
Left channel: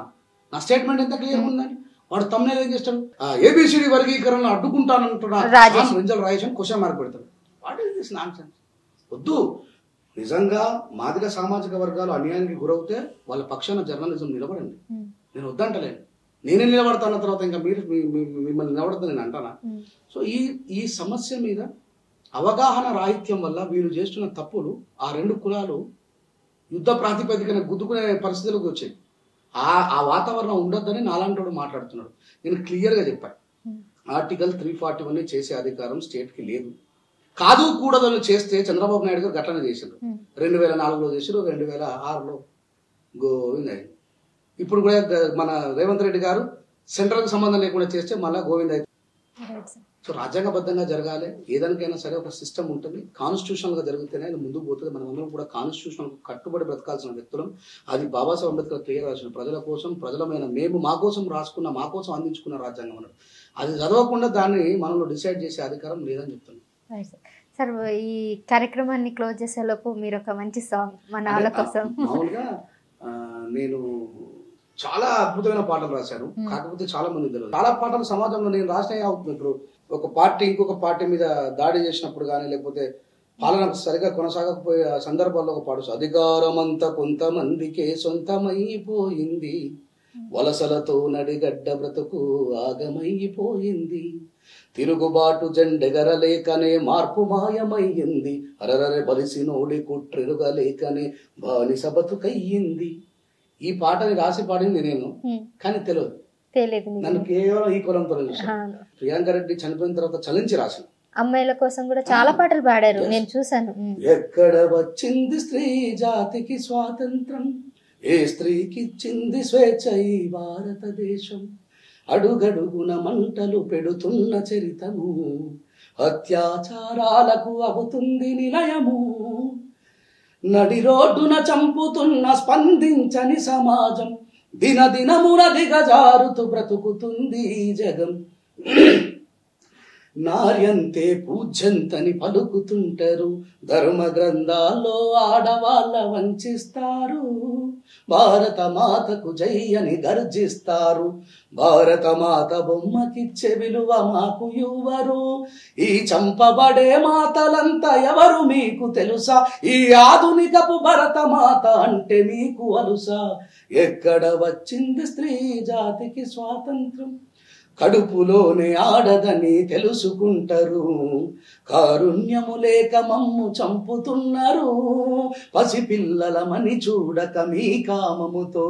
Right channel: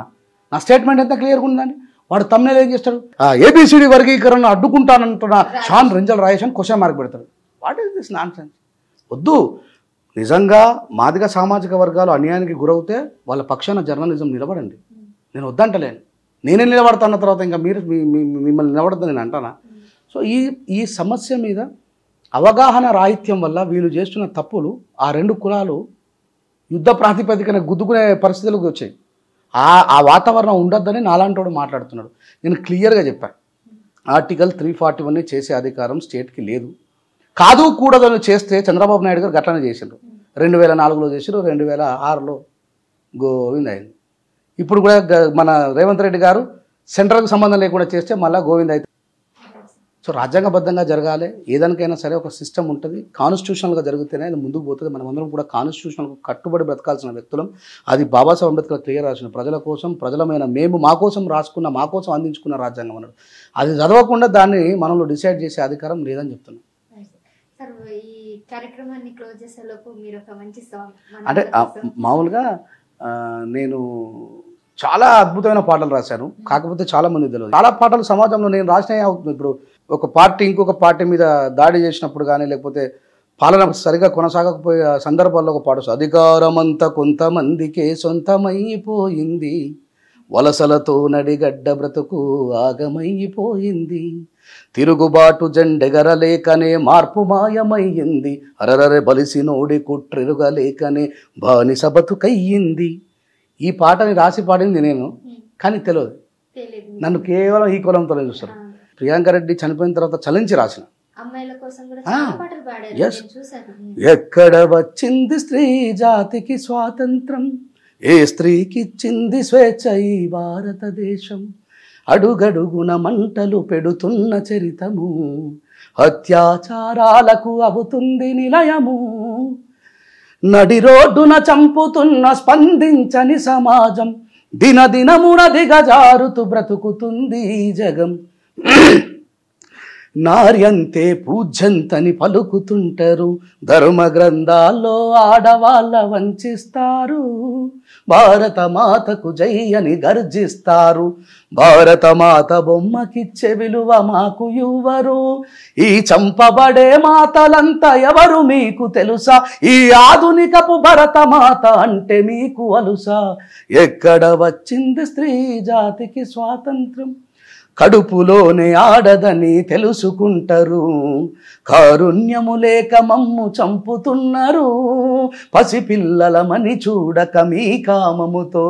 నా స్టేట్మెంట్ ఎంత క్లియర్గా ఉందండి. వాడు thumbnail ఏం చేస్తాడు, ఏబిసిడి వర్గీకరణ అడ్డుకుంటానంటున్నా రేంజర్ల రాజేష్ అని క్వశ్చన్ మార్క్ పెడతాడు. What is this non sense? వద్దు. నిజంగా మాదిగ సామాజిక వర్గాలు అన్యాయానికి గురవుతే వాళ్ళ పక్షాన జర్నలిజం నిలబడండి. నేను వద్దంటలేను. నేనే నిలబడతాన్న తర్వాత ఇంకా మీరు మిమ్మల్ని నిలబడతాను నేను అంటానా? సో ఈ సమస్య మీద అవగాహన రాహిత్యం వల్ల వీళ్ళు చేస్తున్న తప్పులు ఆ రెండు కులాలు యుద్ధ ప్రాతిపదికన గుద్దుకునే పరిస్థితులకు వచ్చాయి. ఆ వాతావరణం ఉండొద్దని నాలాంటోడు మాట్లాడుతున్నాడు. నేను క్లియర్గా చెప్పాను, ఆర్టికల్ 341 చేసే అధికారం స్టేట్కి లేదు. కాదు కూడదని చేస్తే చంద్రబాబు నాయుడు గారు గట్లనే చేసిండ్రు. 2004లో చేసారు, 2006లో గోవింద్ అయింది. ఇప్పుడు కూడా మన రేవంత్ రెడ్డి గారు సెంట్రల్కి సంబంధం లేకుండా చేస్తే మళ్ళీ గోవింద్ అయితే. సో రాజ్యాంగబద్ధంగా జరగాలి. ఏదానికైనా సరే ఒక సిస్టమ్ ఉంటుంది. కాన్స్టిట్యూషనల్గా జరిగితేనే అది ముందుకు పోతుంది. మనమందరం కూడా కాన్స్టిట్యూషనల్కు కట్టుబడి బ్రతకాల్సిన వ్యక్తులం. అది బాబాసాహెబ్ అంబేద్కర్ క్లియర్ రాసిన ప్రజల కోసం, ప్రజలమైన మేము మా కోసం రాసుకున్న, మా కోసం అందించుకున్న రాజ్యాంగం అన్నాడు. అది చదవకుండా దాన్ని మనలో డిసైడ్ చేసే అధికారం లేదని చెప్తున్నాం. సార్, ఈ కార్యక్రమాన్ని క్లోజ్ చేసేలోపు మీరు ఒక మంచి సాంగ్ మామూలుగా నేను చాలా అద్భుతమైన పాటలు రాశాను. కాకపోతే చాలా మంది తెలియదు. చాలా పాటలు సమాజంలో నేను రాసినవి అవుతుంది. ఇప్పుడు ఒక పార్టీ ఇంకొక పార్టీ మీద దాడి చేసినప్పుడు కానీ, లేకపోతే పాలన సరిగా కొనసాగకపోయే సందర్భాల్లో ఒక పాట, అధికారం అంతా కొంతమందికే సొంతమైపోయింది, వలసలతో నడిగడ్డ బ్రతుకు ఆగమైపోయింది, తిరుగుబాటు జెండెగరలేకనే మార్పు మాయమయ్యింది, అరరరే బలిసి నోడి కుట్రెరుగలేకనే బానిస బతుకయ్యింది. ఈ పాటని రాసి పాడింది నేను, కానీ తెలియదు. నన్ను కేవలం ఈ కులంతో చూస్తాను. ప్రియాంక రెడ్డి చనిపోయిన తర్వాత చలించి రాసిన అమ్మాయిల కోసం కూడా చాలా పాటలు పాడారు, నేను చూశాను. ఎక్కడ వచ్చింది స్త్రీ జాతికి స్వాతంత్రం, ఏ స్త్రీకిచ్చింది స్వేచ్ఛ ఈ భారతదేశం, అడుగడుగున మంటలు పెడుతున్న చరితము, అత్యాచారాలకు అవుతుంది నిలయము, నడి రోడ్డున చంపుతున్న స్పందించని సమాజం, దినదినమున దిగజారుతూ బ్రతుకుతుంది ఈ జగం, నార్యంతే పూజ్యంతని పలుకుతుంటారు, ధర్మ గ్రంథాల్లో ఆడవాళ్ళ వంచిస్తారు, భారత మాతకు జై అని గర్జిస్తారు, భారత మాత బొమ్మకిచ్చే విలువ మాకు ఇవ్వరు, ఈ చంపబడే మాతలంతా ఎవరు మీకు తెలుసా, ఈ ఆధునికపు భరత మాత అంటే మీకు అలుసా, ఎక్కడ వచ్చింది స్త్రీ జాతికి స్వాతంత్రం, కడుపులోనే ఆడదని తెలుసుకుంటారు, కారుణ్యము లేక మమ్ము చంపుతున్నారు, పసిపిల్లలమని చూడక మీ కామముతో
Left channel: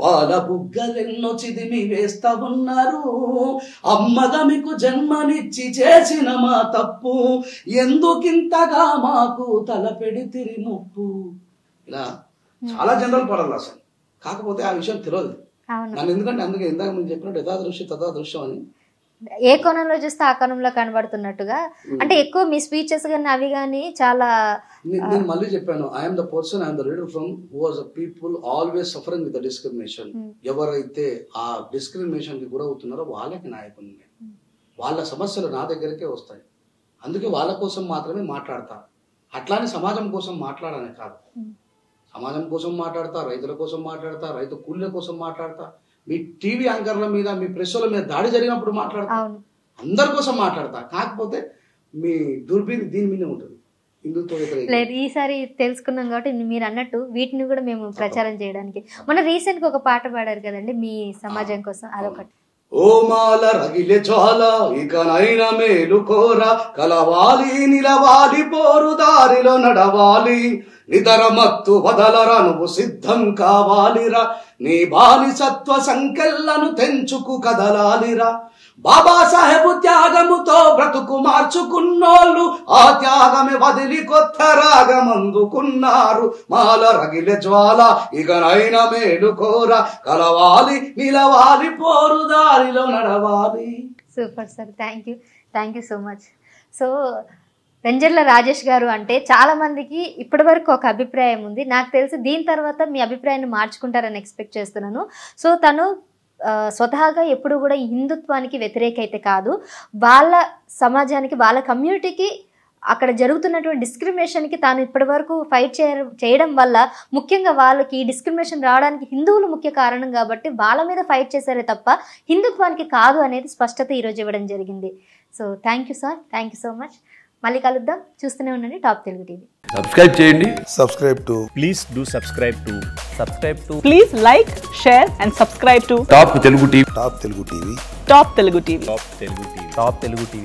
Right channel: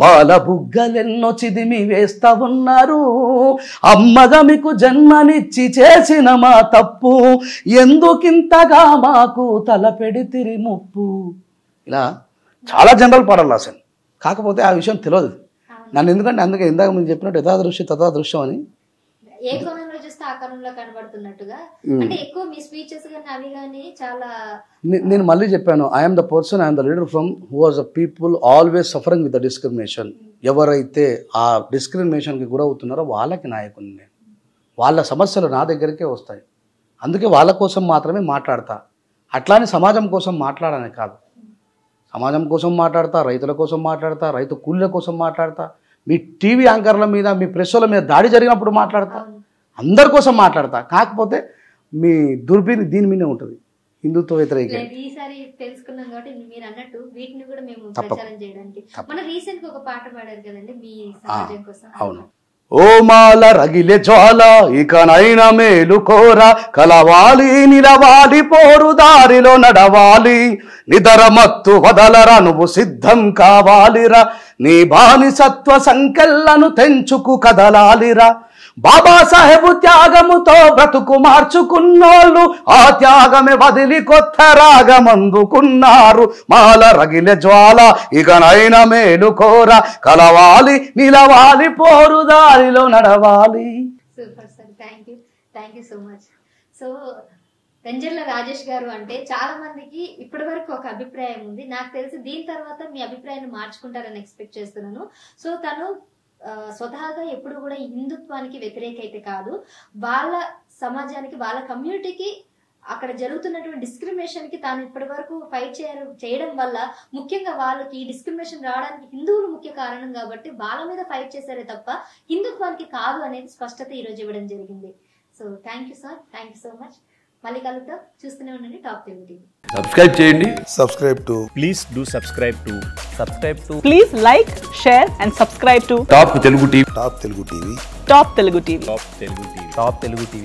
పాల బుగ్గలెన్నో చిదిమి వేస్తా ఉన్నారు, అమ్మగా మీకు జన్మనిచ్చి చేసిన మా తప్పు, ఎందుకింతగా మాకు తలపెడితిరి ముప్పు. ఇలా చాలా జనరల్ పాటలు రాశాను. కాకపోతే ఆ విషయం తెలియదు నన్ను. ఎందుకంటే అందుకే ఇందాక మీరు చెప్పినట్టు యథాదృశ్య తథాదృశ్యం అని, ఏ కోణంలో చూస్తే ఆ కోణంలో కనబడుతున్నట్టుగా, అంటే ఎక్కువ మీ స్పీచెస్ కానీ అవి కానీ చాలా. నేను మళ్ళీ చెప్పాను, I'm the person, I'm the leader from who was the people always suffering with the discrimination. ఎవరైతే ఆ డిస్క్రిమినేషన్కి గురవుతున్నారో వాళ్ళకి నాయకుని నేను. వాళ్ళ సమస్యలు నా దగ్గరికే వస్తాయి. అందుకే వాళ్ళ కోసం మాత్రమే మాట్లాడతా. అట్లానే సమాజం కోసం మాట్లాడని కాదు. సమాజం కోసం మాట్లాడతా, రైతుల కోసం మాట్లాడతా, రైతు కూలీల కోసం మాట్లాడతా, మీ టీవీ యాంకర్ల మీద, మీ ప్రెస్ల మీద దాడి జరిగినప్పుడు మాట్లాడతా, అందరి కోసం మాట్లాడతా. కాకపోతే మీ దుర్బీని దీని మీదే ఉంటుంది, హిందుత్వ వ్యతిరేక. ఈసారి తెలుసుకున్నాం కాబట్టి మీరు అన్నట్టు వీటిని కూడా మేము ప్రచారం చేయడానికి మన రీసెంట్ గా ఒక పాట పాడారు కదండి మీ సమాజం కోసం. ఓ మాల రగిలే జ్వాల ఇకనైన మేలు కోర, కలవాలి నిలవాలి పోరు దారిలో నడవాలి, నిదర మత్తు వదలరా నువ్వు సిద్ధం కావాలిరా, నీ బానిసత్వ సంకెళ్లను తెంచుకు కదలాలిరా, బాబాసాహెబు త్యాగముతో బ్రతుకు మార్చుకున్నోళ్ళు ఆ త్యాగమే వదిలి కొత్త రాగమందుకున్నారు, మాల రగిలే జ్వాల ఇకనైనా మేలు కోర, కలవాలి నిలవాలి పోరు దారిలో నడవాలి. Super sir, thank you so much. So Venjarla Rajesh garu అంటే చాలా మందికి ఇప్పటి వరకు ఒక అభిప్రాయం ఉంది. నాకు తెలిసి దీని తర్వాత మీ అభిప్రాయాన్ని మార్చుకుంటారని ఎక్స్పెక్ట్ చేస్తున్నాను. సో తను స్వతహాగా ఎప్పుడు కూడా ఈ హిందుత్వానికి వ్యతిరేక అయితే కాదు, వాళ్ళ సమాజానికి వాళ్ళ కమ్యూనిటీకి అక్కడ జరుగుతున్నటువంటి డిస్క్రిమినేషన్కి తాను ఇప్పటి వరకు ఫైట్ చేయడం వల్ల ముఖ్యంగా వాళ్ళకి ఈ డిస్క్రిమినేషన్ రావడానికి హిందువులు ముఖ్య కారణం కాబట్టి వాళ్ళ మీద ఫైట్ చేశారే తప్ప హిందుత్వానికి కాదు అనేది స్పష్టత ఈరోజు ఇవ్వడం జరిగింది. So thank you sir, thank you so much. మళ్ళీ కలుద్దాం, చూస్తూనే ఉండండి టాప్ తెలుగు టీవీ. సబ్స్క్రైబ్ చేయండి. Please do subscribe to Please like, share and subscribe to top Telugu TV. Top Telugu TV. Top Telugu TV.